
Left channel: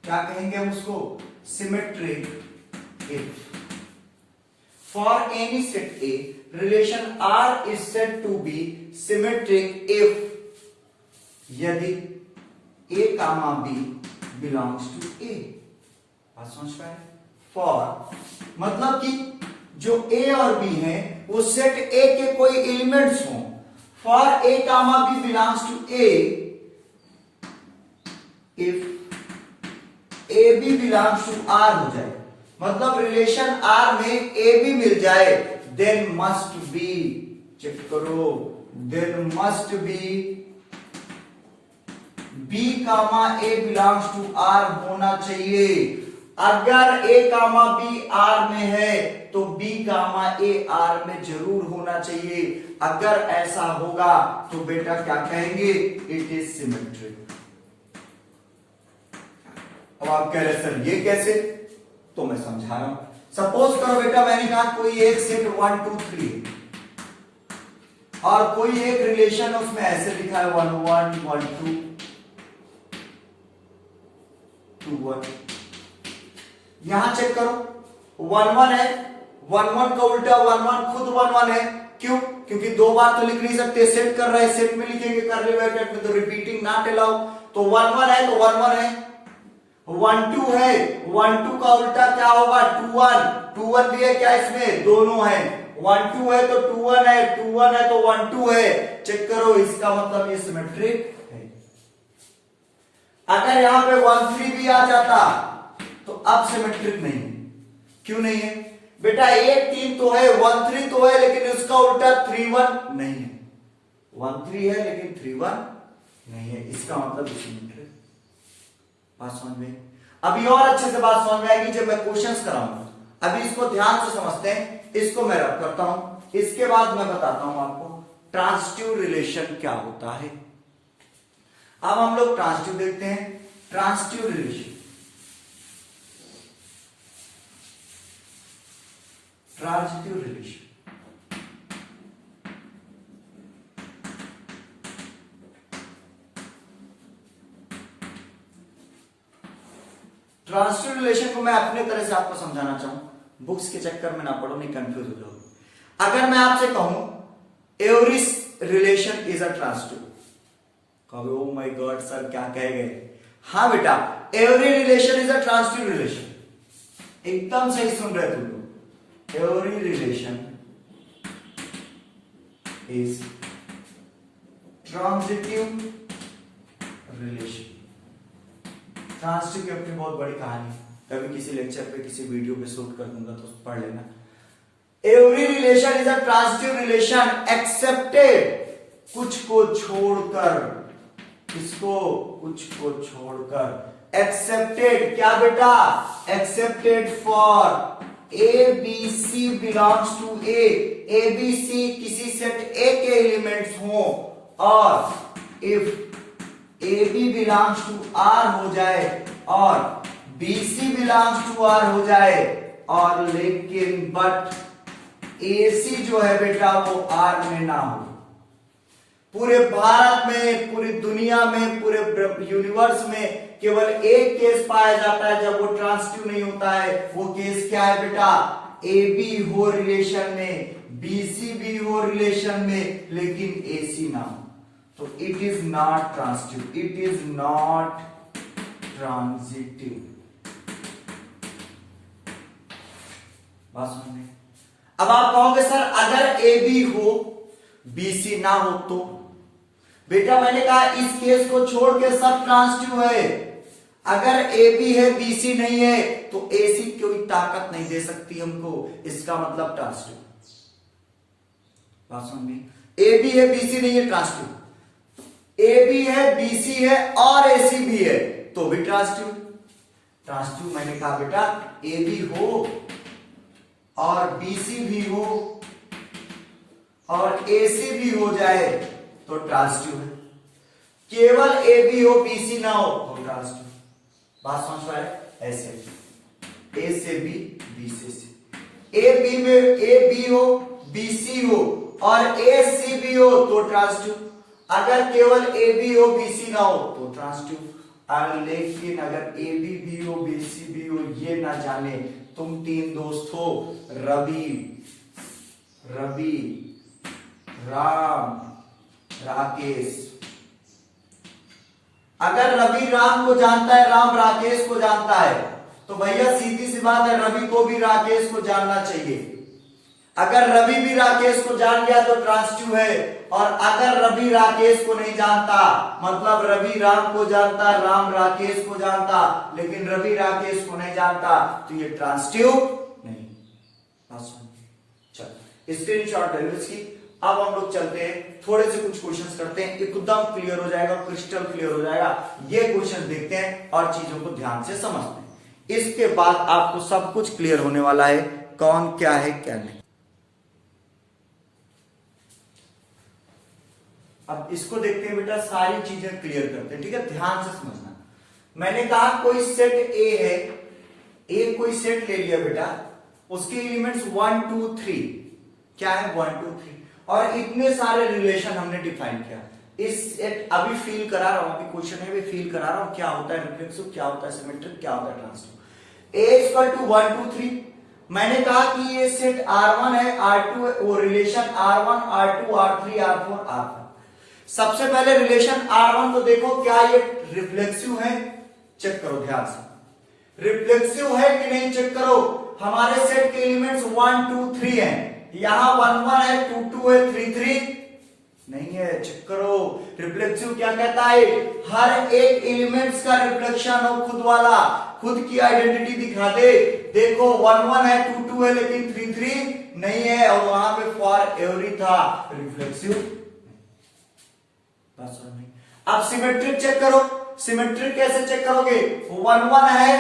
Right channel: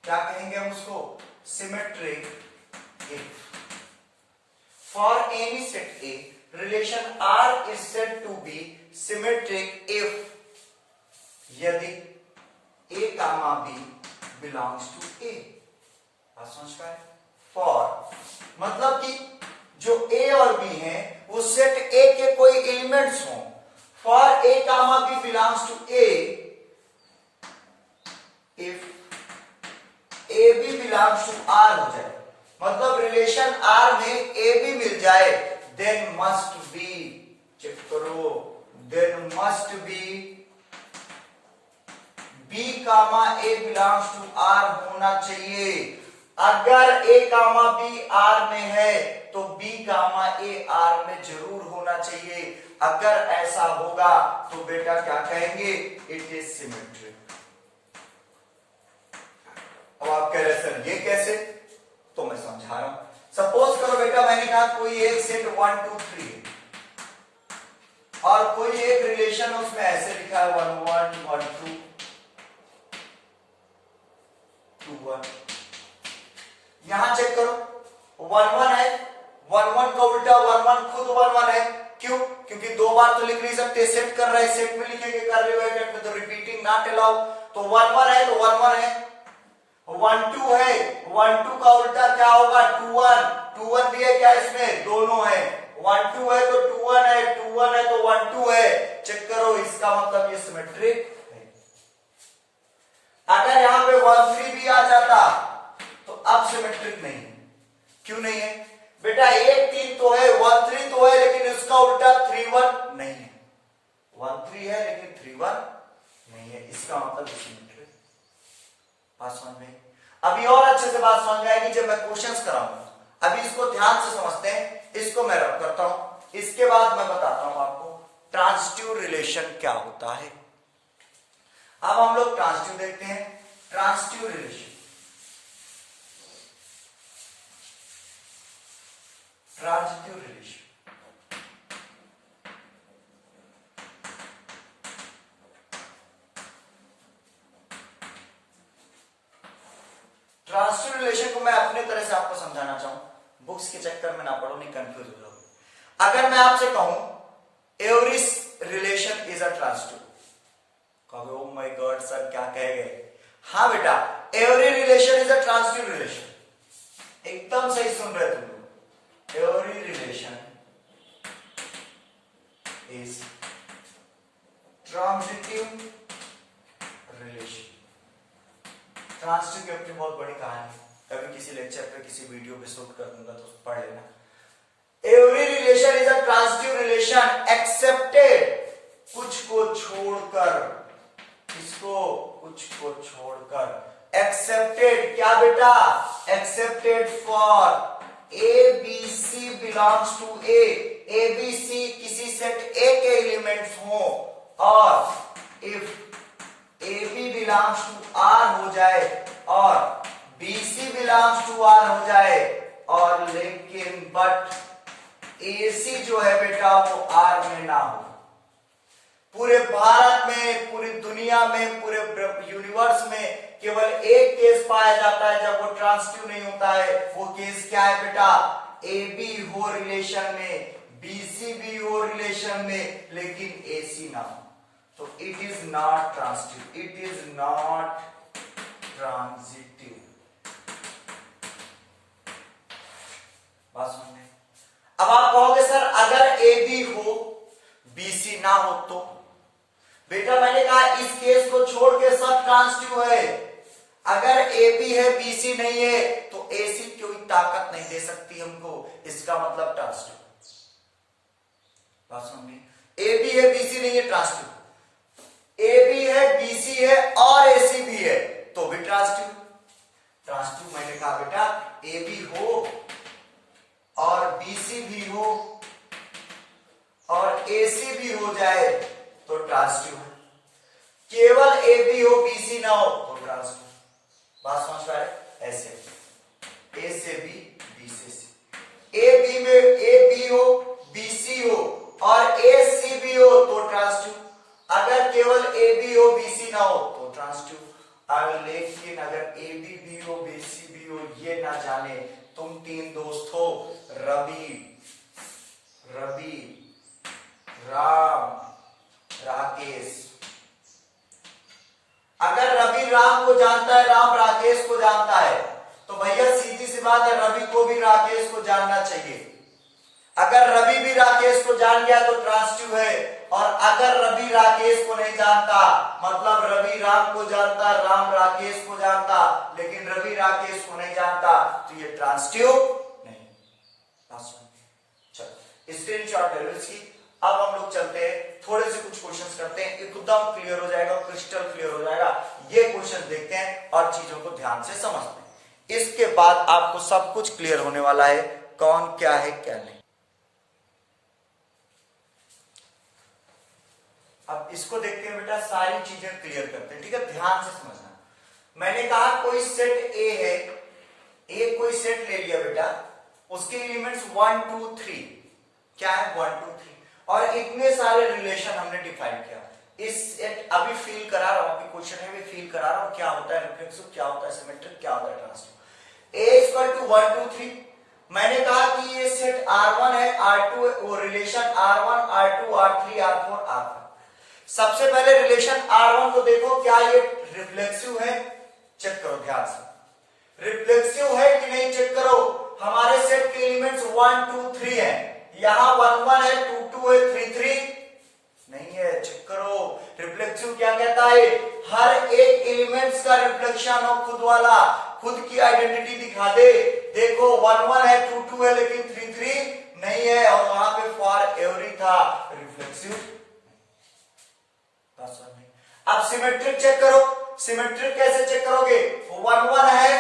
क्या कहेंगे हम उसको? symmetric if for any set A relation R is said to be symmetric if यदि A comma B belongs to A। बात समझ पाए? For मतलब कि जो A और B हैं वो सेट A के कोई एलिमेंट्स हों। For A comma B belongs to A if A B belongs to R हो जाए, मतलब रिलेशन R में A B मिल जाए, then must be, चेक करो, then must be B comma A belongs to R होना चाहिए। अगर A कामा B R में है तो B कामा A R में जरूर होना चाहिए। अगर ऐसा होगा तो बेटा क्या कहेंगे? It is symmetric. अब आप कह रहे सर ये कैसे? तो मैं समझा रहा हूं। सपोज करो बेटा मैंने कहा कोई एक सेट 1 2 3 है और कोई एक रिलेशन है उसमें ऐसे लिखा है 1 1 1 2 2 1। यहां चेक करो 1 1 है, 1 1 का उल्टा 1 1 खुद 1 1 है। क्यों? क्योंकि दो बार तो लिख नहीं सकते, सेट कर रहा है, सेट में लिखेंगे कर ब्रैकेट में, तो रिपीटिंग नॉट अलाउ। तो 1 1 है तो 1 1 है। 1 2 है, 1 2 का उल्टा क्या होगा? 2 1। 2 1 भी है क्या इसमें? दोनों है। 1 2 है तो 2 1 है, 2 1 है तो 1 2 है। चेक करो, इसका मतलब ये सिमेट्रिक है। अगर यहां पे 1 3 भी आ जाता तो अब सिमेट्रिक नहीं है। क्यों नहीं है? बेटा 1 3 तो है, 1 3 तो है, लेकिन उसका उल्टा 3 1 नहीं है। 1 3 है लेकिन 3 1 नहीं है, इसका मतलब सिमेट्रिक। बात समझ में? अभी और अच्छे से बात समझ में आएगी जब मैं क्वेश्चंस कराऊंगा। अभी इसको ध्यान से समझते हैं, इसको मैं रब करता हूं, इसके बाद मैं बताता हूं आपको ट्रांसिटिव रिलेशन क्या होता है। अब हम लोग ट्रांसिटिव देखते हैं। Transitive relation, transitive relation transitive relation को मैं अपने तरह से आपको समझाना चाहूं, बुक्स के चक्कर में ना पढ़ो, नहीं कंफ्यूज हो जाओगे। अगर मैं आपसे कहूं every relation is a transitive, कहोगे ओ माय गॉड सर क्या कह गए? हाँ बेटा, every relation is a transitive relation. एकदम सही सुन रहे तुम लोग। Every relation is transitive relation. Transitive की अपनी बहुत बड़ी कहानी, कभी किसी लेक्चर पे किसी वीडियो पे शूट कर दूंगा तो पढ़ लेना। Every relation is a transitive relation accepted, कुछ को छोड़कर, किसको? कुछ को छोड़कर। एक्सेप्टेड क्या बेटा? Accepted for a b c belongs to A, a b c किसी सेट ए के एलिमेंट्स हो, और if a b belongs to R हो जाए और b c belongs to R हो जाए, और लेकिन बट ए सी जो है बेटा वो आर में ना हो। पूरे भारत में, पूरी दुनिया में, पूरे यूनिवर्स में केवल एक केस पाया जाता है जब वो ट्रांसिटिव नहीं होता है। वो केस क्या है बेटा? ए बी हो रिलेशन में, बी सी भी हो रिलेशन में, लेकिन ए सी ना हो, तो it is not transitive, it is not transitive. बात समझे? अब आप कहोगे सर अगर ए बी हो बी सी ना हो तो? बेटा मैंने कहा इस केस को छोड़ के सब ट्रांसिटिव है। अगर ए बी है बी सी नहीं है तो ए सी कोई ताकत नहीं दे सकती हमको, इसका मतलब ट्रांसिटिव। बात समझ में? ए बी है बी सी नहीं है ट्रांसिटिव, ए बी है बी सी है और ए सी भी है तो भी ट्रांसिटिव। ट्रांसिटिव मैंने कहा बेटा ए बी हो और बी सी भी हो और ए सी भी हो जाए तो ट्रांसिटिव है। केवल ए बी हो बी सी ना हो तो ट्रांसिटिव। बात समझ पाए? ऐसे ए से बी, बी से सी, ए बी में ए बी हो बी सी हो और ए सी भी हो तो ट्रांसिटिव। अगर केवल ए बी हो बी सी ना हो तो ट्रांसिटिव। लेकिन अगर ए बी भी हो बी सी भी हो ये ना जाने, तुम तीन दोस्त हो रवि, राम, राकेश। अगर रवि राम को जानता है, राम राकेश को जानता है, तो भैया सीधी सी बात है रवि को भी राकेश को जानना चाहिए। अगर रवि भी राकेश को जान गया तो ट्रांसिटिव है, और अगर रवि राकेश को नहीं जानता, मतलब रवि राम को जानता, राम राकेश को जानता, लेकिन रवि राकेश को नहीं जानता, तो ये ट्रांसिटिव नहीं। चलो स्क्रीनशॉट ले लो इसकी। अब हम लोग चलते हैं, थोड़े से कुछ क्वेश्चंस करते हैं, एकदम क्लियर हो जाएगा, क्रिस्टल क्लियर हो जाएगा। ये क्वेश्चन देखते हैं और चीजों को ध्यान से समझते हैं, इसके बाद आपको सब कुछ क्लियर होने वाला है, कौन क्या है क्या नहीं। अब इसको देखते हैं बेटा, सारी चीजें क्लियर करते हैं, ठीक है? ध्यान से समझना। मैंने कहा कोई सेट ए है, ए कोई सेट ले लिया बेटा, उसके एलिमेंट्स 1 2 3 क्या है 1 2 3, और इतने सारे रिलेशन हमने डिफाइन किया। इस अभी फील करा रहा हूं, अभी क्वेश्चन है, अभी फील करा रहा हूं क्या होता है रिफ्लेक्सिव, क्या होता है सिमेट्रिक, क्या होता है ट्रांसिटिव। ए इक्वल टू 1 2 3, मैंने कहा कि ये सेट R1 है, R2 वो relation R1 R2 R3 R4 R5। सबसे पहले रिलेशन R1 को देखो, क्या ये रिफ्लेक्सिव है? चेक करो ध्यान से, रिफ्लेक्सिव है कि नहीं चेक करो। हमारे सेट के एलिमेंट्स 1 2 3 है, यहां 1 1 है, 2 2 है, 3 3 नहीं है, चेक करो। रिफ्लेक्सिव क्या कहता है? हर एक एलिमेंट्स का रिफ्लेक्शन हो खुद वाला, खुद की आइडेंटिटी दिखा दे। देखो 1 1 है, 2 2 है, लेकिन 3 3 नहीं है, और वहां पे फॉर एवरी था, रिफ्लेक्सिव। अब सिमेट्रिक चेक करो, सिमेट्रिक कैसे चेक करोगे? 1 1 है,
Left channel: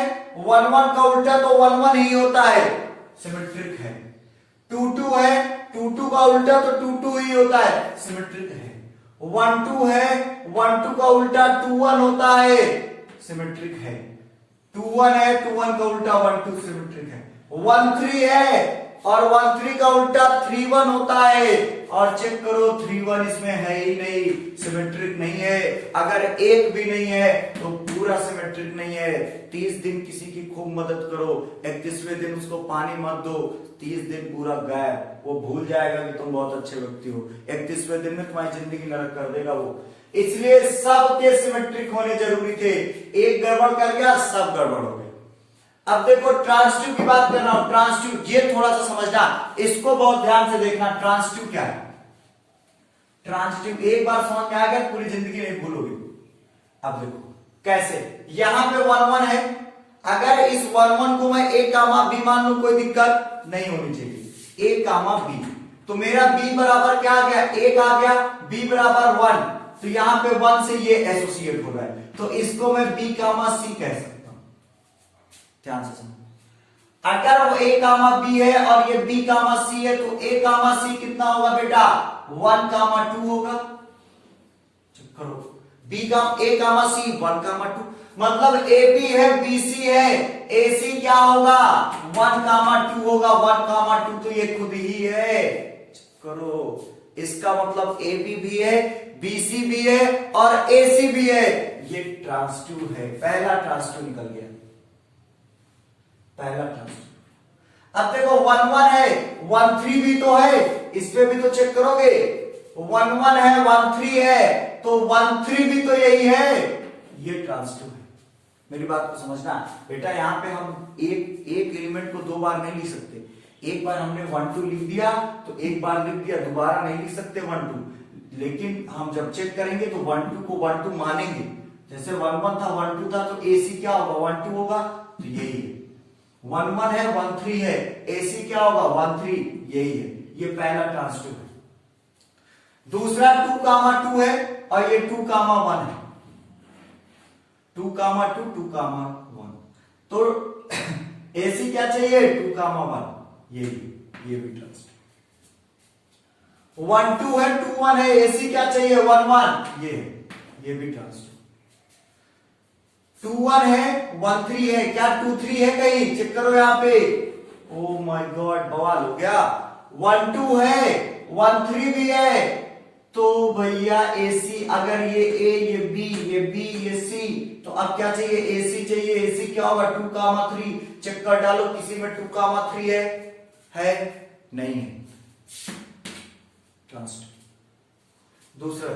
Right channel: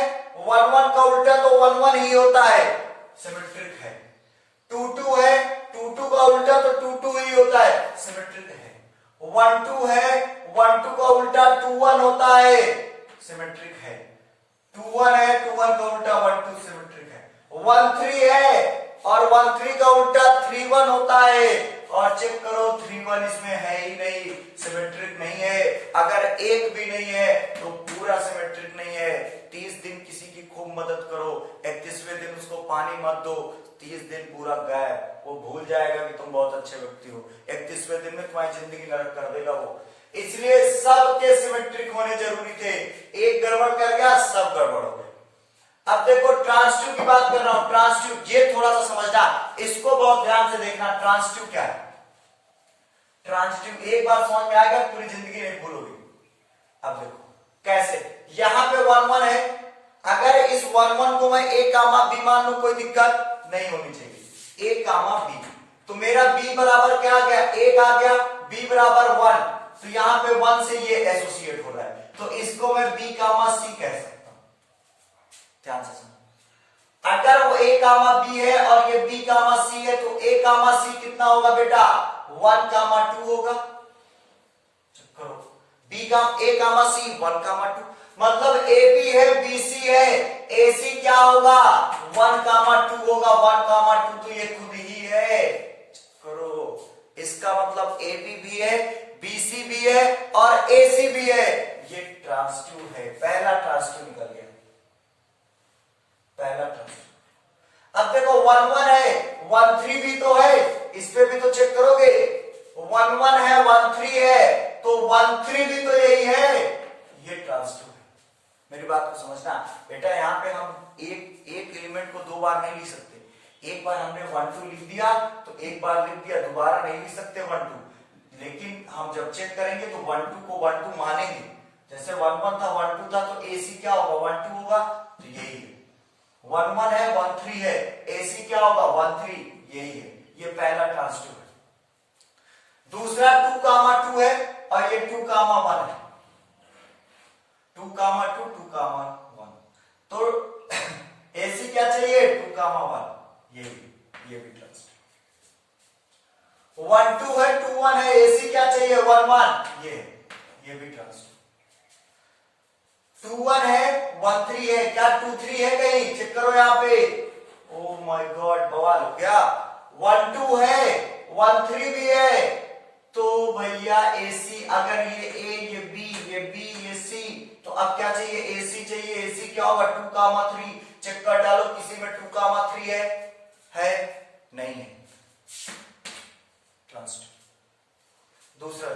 1 1 का उल्टा तो 1 1 ही होता है, सिमेट्रिक है। 2 2 है, 2 2 का उल्टा तो 2 2 ही होता है, सिमेट्रिक है। 1 2 है, 1 2 का उल्टा 2 1 होता है, सिमेट्रिक है। 2 1 है, 2 1 का उल्टा 1 2 सिमेट्रिक है। 1 3 है और 1 3 का उल्टा 3 1 होता है, और चेक करो 3 1 इसमें है ही नहीं, सिमेट्रिक नहीं है। अगर एक भी नहीं है तो पूरा सिमेट्रिक नहीं है। 30 दिन किसी की खूब मदद करो, 31वें दिन उसको पानी मत दो, 30 दिन पूरा गायब, वो भूल जाएगा कि तुम बहुत अच्छे व्यक्ति हो। 31वें दिन में तुम्हारी जिंदगी नरक कर देगा वो। इसलिए सबके सिमेट्रिक होने जरूरी थे, एक गड़बड़ कर गया सब गड़बड़ हो गए। अब देखो ट्रांसिटिव की बात कर रहा हूं, ट्रांसिटिव ये थोड़ा सा समझना, इसको बहुत ध्यान से देखना। ट्रांसिटिव क्या है? ट्रांसिटिव एक बार समझ में आ गया पूरी जिंदगी नहीं भूलोगे। अब देखो कैसे, यहां पे 1 1 है, अगर इस 1 1 को मैं a कामा b मान लू, कोई दिक्कत नहीं होनी चाहिए। a कामा b, तो मेरा b बराबर क्या आ गया? 1 आ गया, b बराबर 1, तो यहां पे 1 से ये एसोसिएट हो रहा है, तो इसको मैं b कामा c कह सकता हूं। ध्यान से सुनो, अगर वो a कामा b है और ये b कामा c है, तो a कामा c कितना होगा बेटा? 1 कामा 2 होगा। करो b का a कामा c 1 कामा 2, मतलब ab है bc है, ac क्या होगा? 1 कामा 2 होगा, 1 कामा 2 तो ये खुद ही है। करो, इसका मतलब ab भी है, bc भी है और ac भी है, ये ट्रांसिटिव है। पहला ट्रांसिटिव निकल गया, पहला ट्रांसिटिव। अब देखो 1 1 है, 1 3 भी तो है, इस पे भी तो चेक करोगे। 1 1 है, 1 3 है, तो 1 3 भी तो यही है, ये ट्रांसिटिव है। मेरी बात को समझना बेटा, यहां पे हम एक एलिमेंट को 2 बार नहीं लिख सकते। एक बार हमने 1 2 लिख दिया तो एक बार लिख दिया, दोबारा नहीं लिख सकते 1 2। लेकिन हम जब चेक करेंगे तो 1 2 को 1 2 मानेंगे। जैसे 1 1 था, 1 2 था, तो AC क्या होगा? 1 2 होगा, तो यही है। 1 1 है, 1 3 है, AC क्या होगा? 1 3, यही है। ये पहला ट्रांसिटिव है। दूसरा 2 कामा 2 है और ये 2 कामा 1 है, 2 कामा 2, 2 कामा 1, तो AC क्या चाहिए? 2 कामा 1, ये भी ट्रांसिटिव। 1 2 है, 2 1 है, AC क्या चाहिए? 1 1, ये भी ट्रांसिटिव। 2 1 है, 1 3 है, क्या 2 3 है कहीं? चेक करो यहाँ पे। ओ माय गॉड, बवाल हो गया। 1 2 है, 1 3 भी है, तो भैया AC, अगर ये A, ये B, ये B, ये C, तो अब क्या चाहिए? AC चाहिए। AC क्या होगा? 2 कामा 3, चेक कर डालो, किसी में 2 कामा 3 है? नहीं है, ट्रांसिटिव। दूसरा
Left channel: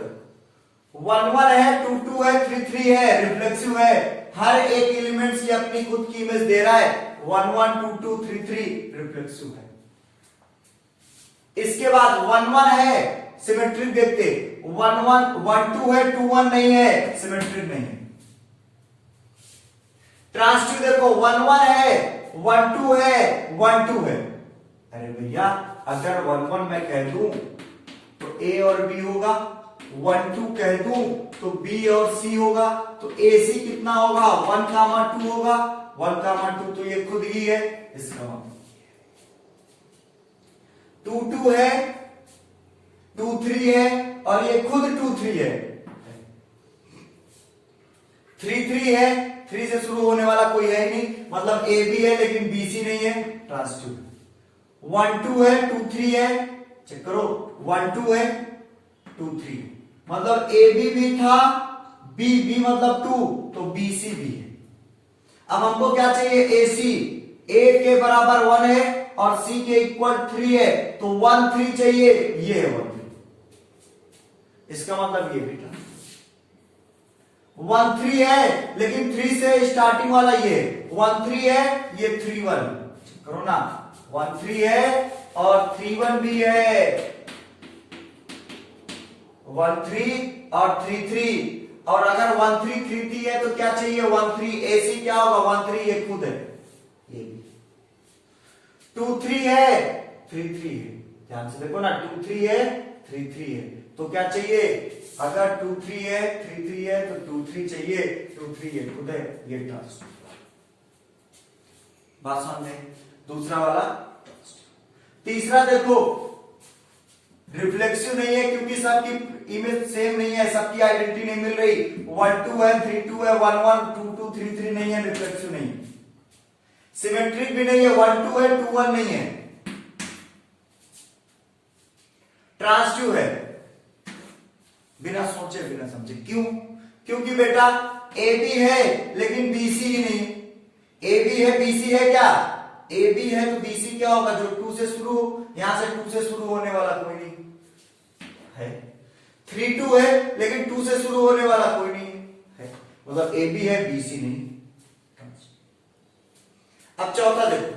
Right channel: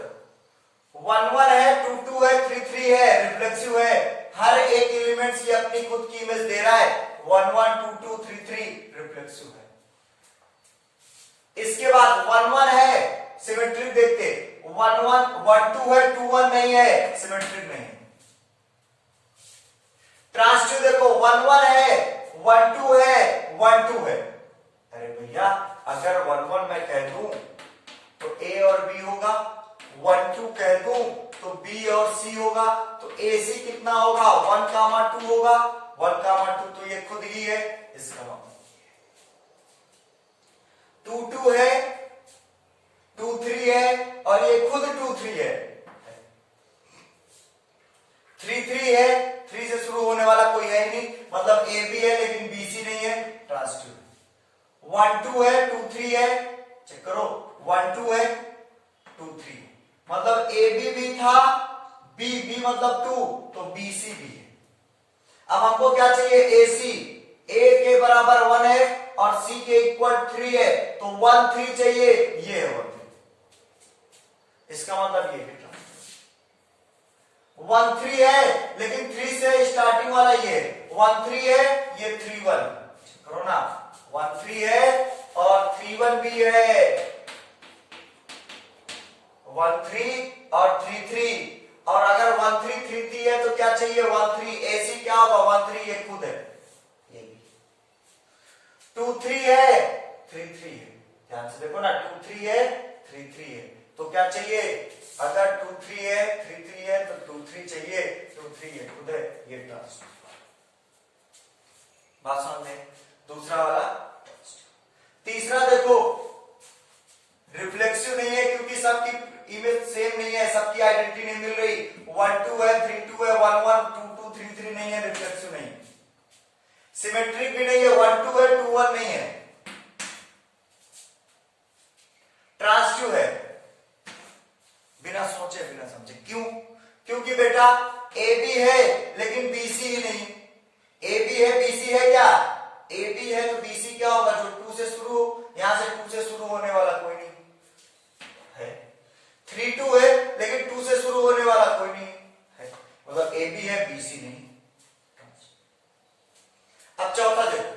1 1 है, 2 2 है, 3 3 है, रिफ्लेक्सिव है। हर एक एलिमेंट ये अपनी खुद की इमेज दे रहा है। 1 1 2 2 3 3 रिफ्लेक्सिव है। इसके बाद 1 1 है, सिमेट्रिक देखते, 1 1 1 2 है, 2 1 नहीं है, सिमेट्रिक नहीं है। ट्रांसिटिव देखो, 1 1 है, 1 2 है, 1 2 है। अरे भैया, अगर 1 1 मैं कह दूं तो A और B होगा, 1 2 कह दूं तो B और C होगा, तो AC कितना होगा? 1 कामा 2 होगा, 1 कामा 2 तो ये खुद ही है, इसका मतलब 2 2 है, 2 3 है और ये खुद 2 3 है। 3 3 है, 3 से शुरू होने वाला कोई है ही नहीं, मतलब A भी है लेकिन BC नहीं है, ट्रांसिटिव। 1 2 है, 2 3 है, चेक करो, 1 2 है, 2 3, मतलब AB भी था, B मतलब 2, तो BC भी है। अब हमको क्या चाहिए? AC, A के बराबर 1 है और C के इक्वल 3 है, तो 1 3 चाहिए, ये है 1 3, इसका मतलब ये भी 1 3 है, लेकिन 3 से स्टार्टिंग वाला ये 1 3 है, ये 3 1, करो ना, 1 3 है और 3 1 भी है, 1 3 और 3 3, और अगर 1 3 3 3 है तो क्या चाहिए? 1 3, AC क्या होगा? 1 3 ये खुद है, ये भी 2 3 है, 3 3 है, ध्यान से देखो ना, 2 3 है, 3 3 है, तो क्या चाहिए, अगर 2 3 है 3 3 है तो 2 3 चाहिए, 2 3 ये खुद है, ये ट्रांस। बात समझ में? दूसरा वाला। तीसरा देखो, रिफ्लेक्सिव नहीं है क्योंकि सबकी इमेज सेम नहीं है, सबकी आइडेंटिटी नहीं मिल रही। 1 2 है 3 2 है, 1 1 2 2 3 3 नहीं है, रिफ्लेक्सिव नहीं है। सिमेट्रिक भी नहीं है, 1 2 है 2 1 नहीं है। ट्रांसिटिव है, बिना सोचे बिना समझे। क्यों? क्योंकि बेटा ए बी है लेकिन बीसी ही नहीं। ए बी है बीसी है क्या? ए बी है तो बीसी क्या होगा, जो 2 से शुरू हो, यहां से 2 से शुरू होने वाला कोई नहीं है। 3 2 है लेकिन 2 से शुरू होने वाला कोई नहीं है, मतलब ए बी है बीसी नहीं। अब चौथा देखो,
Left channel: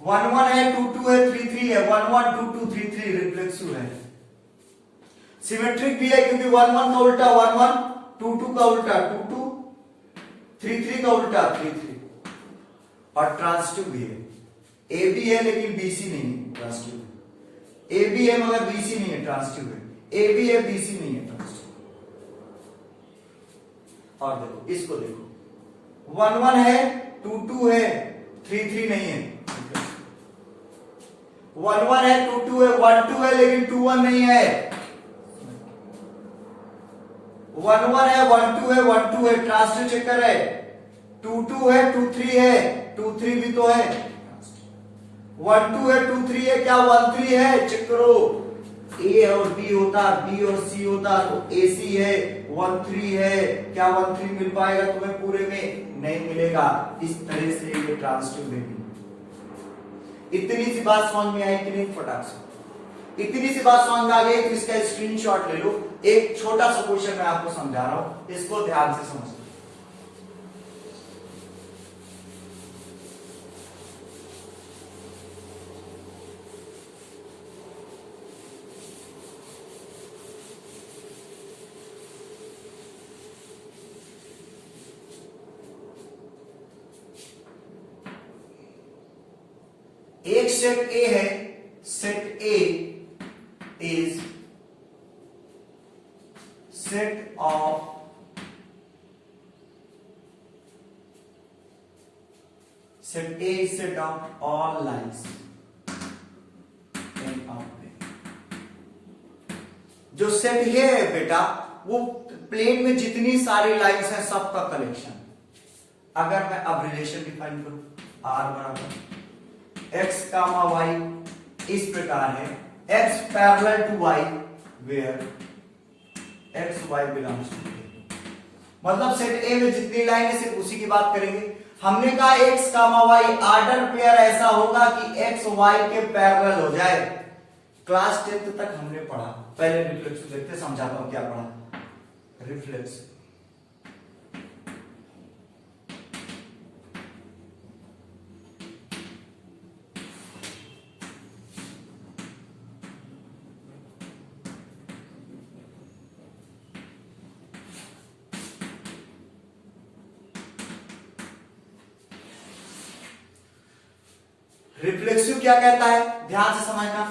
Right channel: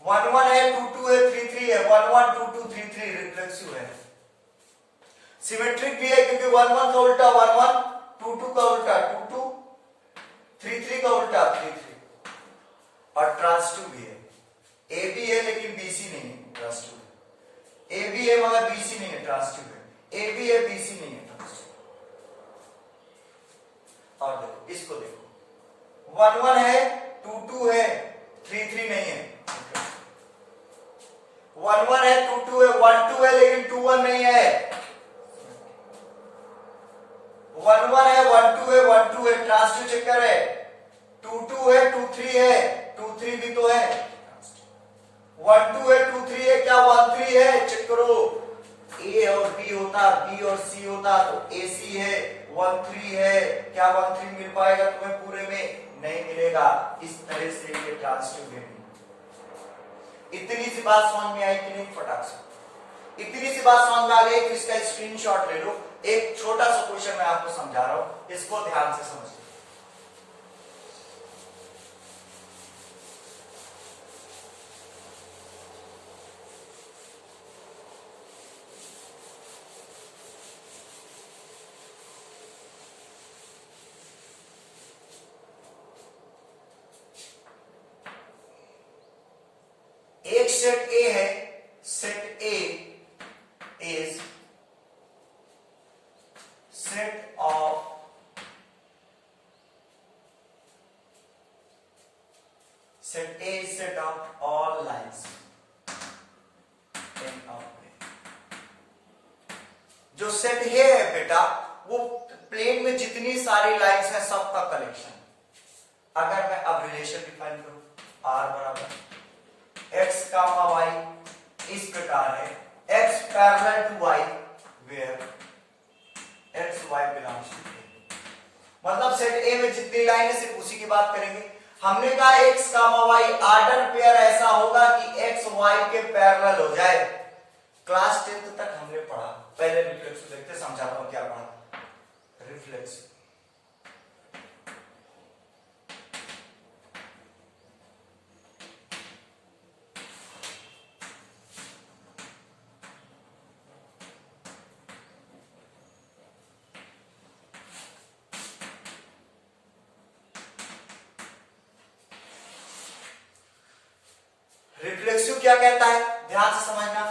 1 1 है 2 2 है 3 3 है, 1 1 2 2 3 3 रिफ्लेक्सिव है। सिमेट्रिक भी है क्योंकि 1 1 का उल्टा 1 1, 2 2 का उल्टा 2 2, 3 3 का उल्टा 3 3। और ट्रांसिटिव भी है, ए बी है लेकिन बीसी नहीं है, ट्रांसिटिव है। ए बी है मगर बीसी नहीं है, ट्रांसिटिव है। ए बी है बीसी नहीं है, ट्रांसिटिव। और देखो इसको देखो, 1 1 है 2 2 है 3 3 नहीं है। 1 1 है 2 2 है 1 2 है लेकिन 2 1 नहीं है। 1 1 है 1 2 है 1 2 है, ट्रांसिटिव चक्कर है। 2 2 है 2 3 है, 2 3 भी तो है। 1 2 है 2 3 है, क्या 1 3 है? चेक करो, ए और बी होता, बी और सी होता तो ए सी है, 1 3 है, क्या 1 3 मिल पाएगा तुम्हें पूरे में? नहीं मिलेगा। इस तरह से ये ट्रांसिटिव है। इतनी सी बात समझ में आई कि नहीं? फटाक से इतनी सी बात समझ में आ गई तो इसका स्क्रीनशॉट ले लो। एक छोटा सा क्वेश्चन मैं आपको समझा रहा हूं, इसको ध्यान से समझो। एक सेट ए है, set A is set of set A is set of all lines in our plane. जो सेट ए है बेटा, वो प्लेन में जितनी सारी लाइन्स हैं सबका कलेक्शन। अगर मैं अब रिलेशन डिफाइन करूं, आर बराबर x कामा y इस प्रकार है, x parallel to y where x y belongs to a। मतलब सेट ए में जितनी लाइन है सिर्फ उसी की बात करेंगे। हमने कहा x comma y order pair ऐसा होगा कि x y के पैरेलल हो जाए। क्लास 10th तक हमने पढ़ा, पहले रिफ्लेक्सिव देखते, समझाता हूं क्या पढ़ा। रिफ्लेक्सिव रिफ्लेक्सिव क्या कहता है, ध्यान से समझना।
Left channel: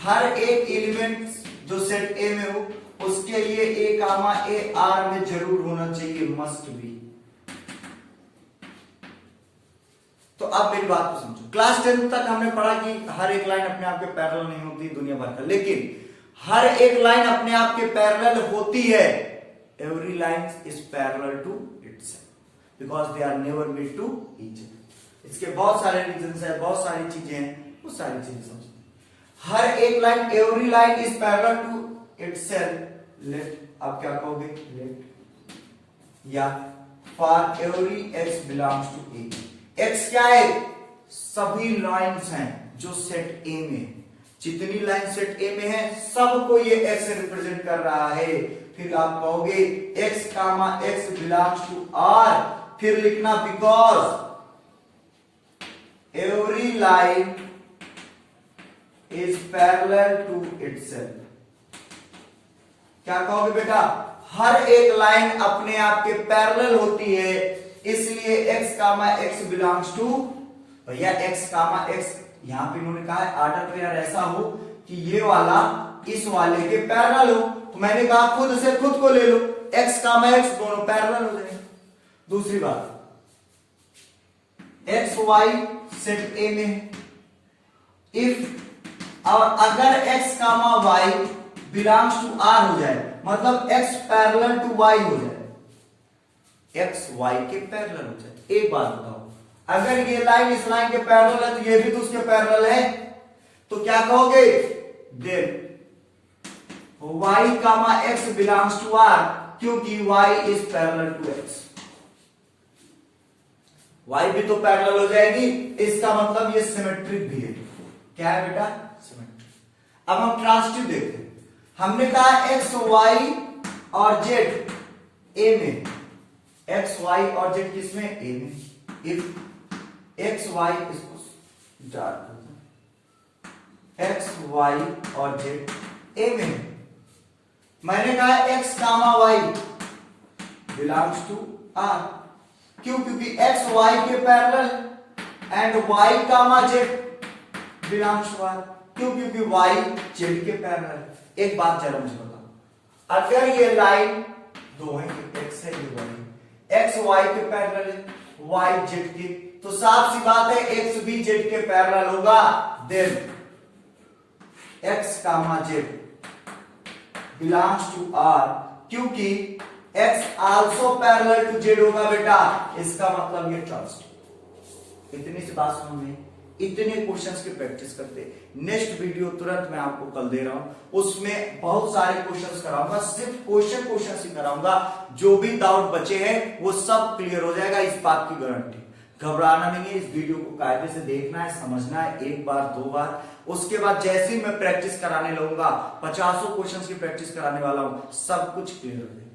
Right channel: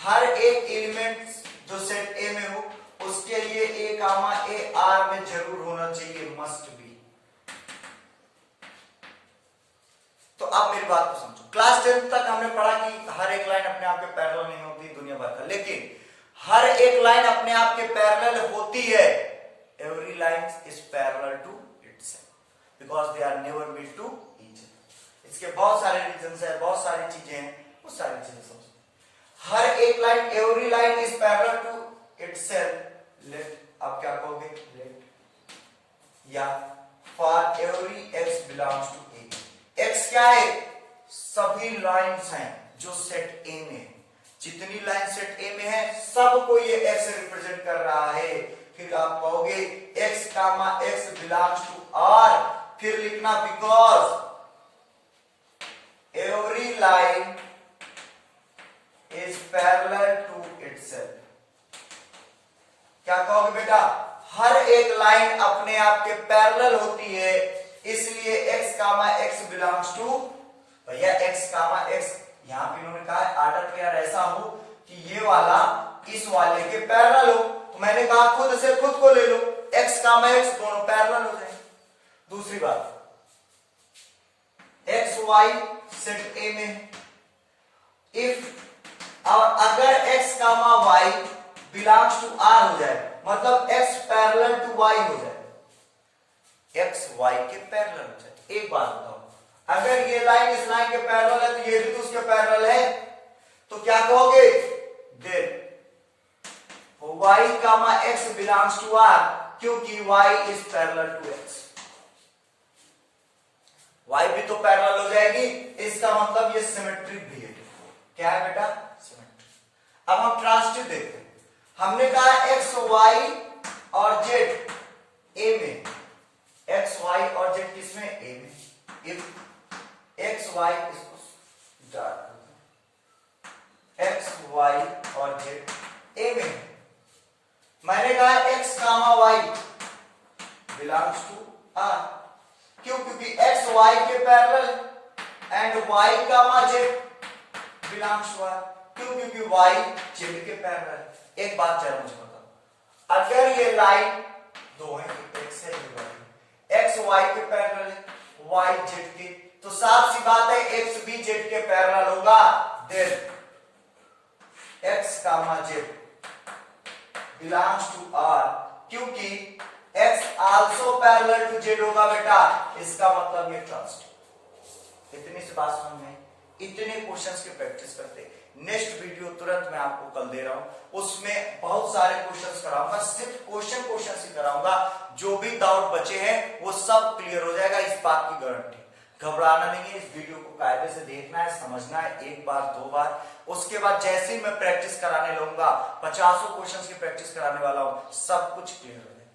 हर एक एलिमेंट जो सेट ए में हो उसके लिए ए कामा ए आर में जरूर होना चाहिए, मस्ट बी। तो अब मेरी बात को समझो। क्लास 10th तक हमने पढ़ा कि हर एक लाइन अपने आप के पैरेलल नहीं होती दुनिया भर का, लेकिन हर एक लाइन अपने आप के पैरेलल होती है। Every line is parallel to itself because they are never made to each other. इसके बहुत सारे रीजंस है, बहुत सारी चीजें हैं, वो सारी चीजें समझते। हर एक line, every line is parallel to itself. Let, आप क्या कहोगे? लेट या for every x belongs to A. X क्या है? सभी लाइंस हैं जो सेट ए में है। जितनी लाइन सेट ए में है सबको ये एक्स रिप्रेजेंट कर रहा है। फिर आप कहोगे x comma x belongs to R, फिर लिखना because every line is parallel to itself। क्या कहोगे बेटा? हर एक लाइन अपने आप के पैरेलल होती है, इसलिए x comma x belongs to, भैया x कामा x, यहां पे इन्होंने कहा है आर्डर पेयर ऐसा हो कि ये वाला इस वाले के पैरेलल हो, तो मैंने कहा खुद से खुद को ले लो, x कामा x दोनों पैरेलल हो जाएंगे। दूसरी बात, एक्स वाई सेट ए में है, इफ और अगर x comma y belongs to R हो जाए, मतलब x पैरेलल टू y हो जाए, x y के पैरेलल हो जाए। एक बात बताओ, अगर ये लाइन इस लाइन के पैरेलल है तो ये भी तो उसके पैरेलल है, तो क्या कहोगे, then y comma x belongs to r, क्योंकि y is parallel to x, y भी तो पैरेलल हो जाएगी, इसका मतलब ये सिमेट्रिक भी है। क्या है बेटा, सिमेट्रिक। अब हम ट्रांसिटिव देखते हैं। हमने कहा x y और z a में, x y और z किसमें, a में। इफ x y, इसको डार्क करते हैं, x y और z a में है। मैंने कहा x comma y belongs to r, क्यों, क्योंकि x y के parallel and y comma z belongs to r, क्यों, क्योंकि y z के पैरेलल। एक बात जरा मुझे बताओ, अगर ये लाइन दो है, x है ये y, x y के पैरेलल है, y z के, तो साफ सी बात है x भी z के पैरेलल होगा, then x comma z belongs to r, क्योंकि x also parallel to z होगा बेटा, इसका मतलब ये ट्रांसिटिव। इतनी सी बात समझ में, इतने क्वेश्चंस की प्रैक्टिस करते। नेक्स्ट वीडियो तुरंत मैं आपको कल दे रहा हूं, उसमें बहुत सारे क्वेश्चंस कराऊंगा, सिर्फ क्वेश्चन ही कराऊंगा, जो भी डाउट बचे हैं वो सब क्लियर हो जाएगा, इस बात की गारंटी। घबराना नहीं है, इस वीडियो को कायदे से देखना है, समझना है, एक बार दो बार, उसके बाद जैसे ही मैं प्रैक्टिस कराने लगूंगा, 50 क्वेश्चंस की प्रैक्टिस कराने वाला हूं, सब कुछ क्लियर हो जाएगा।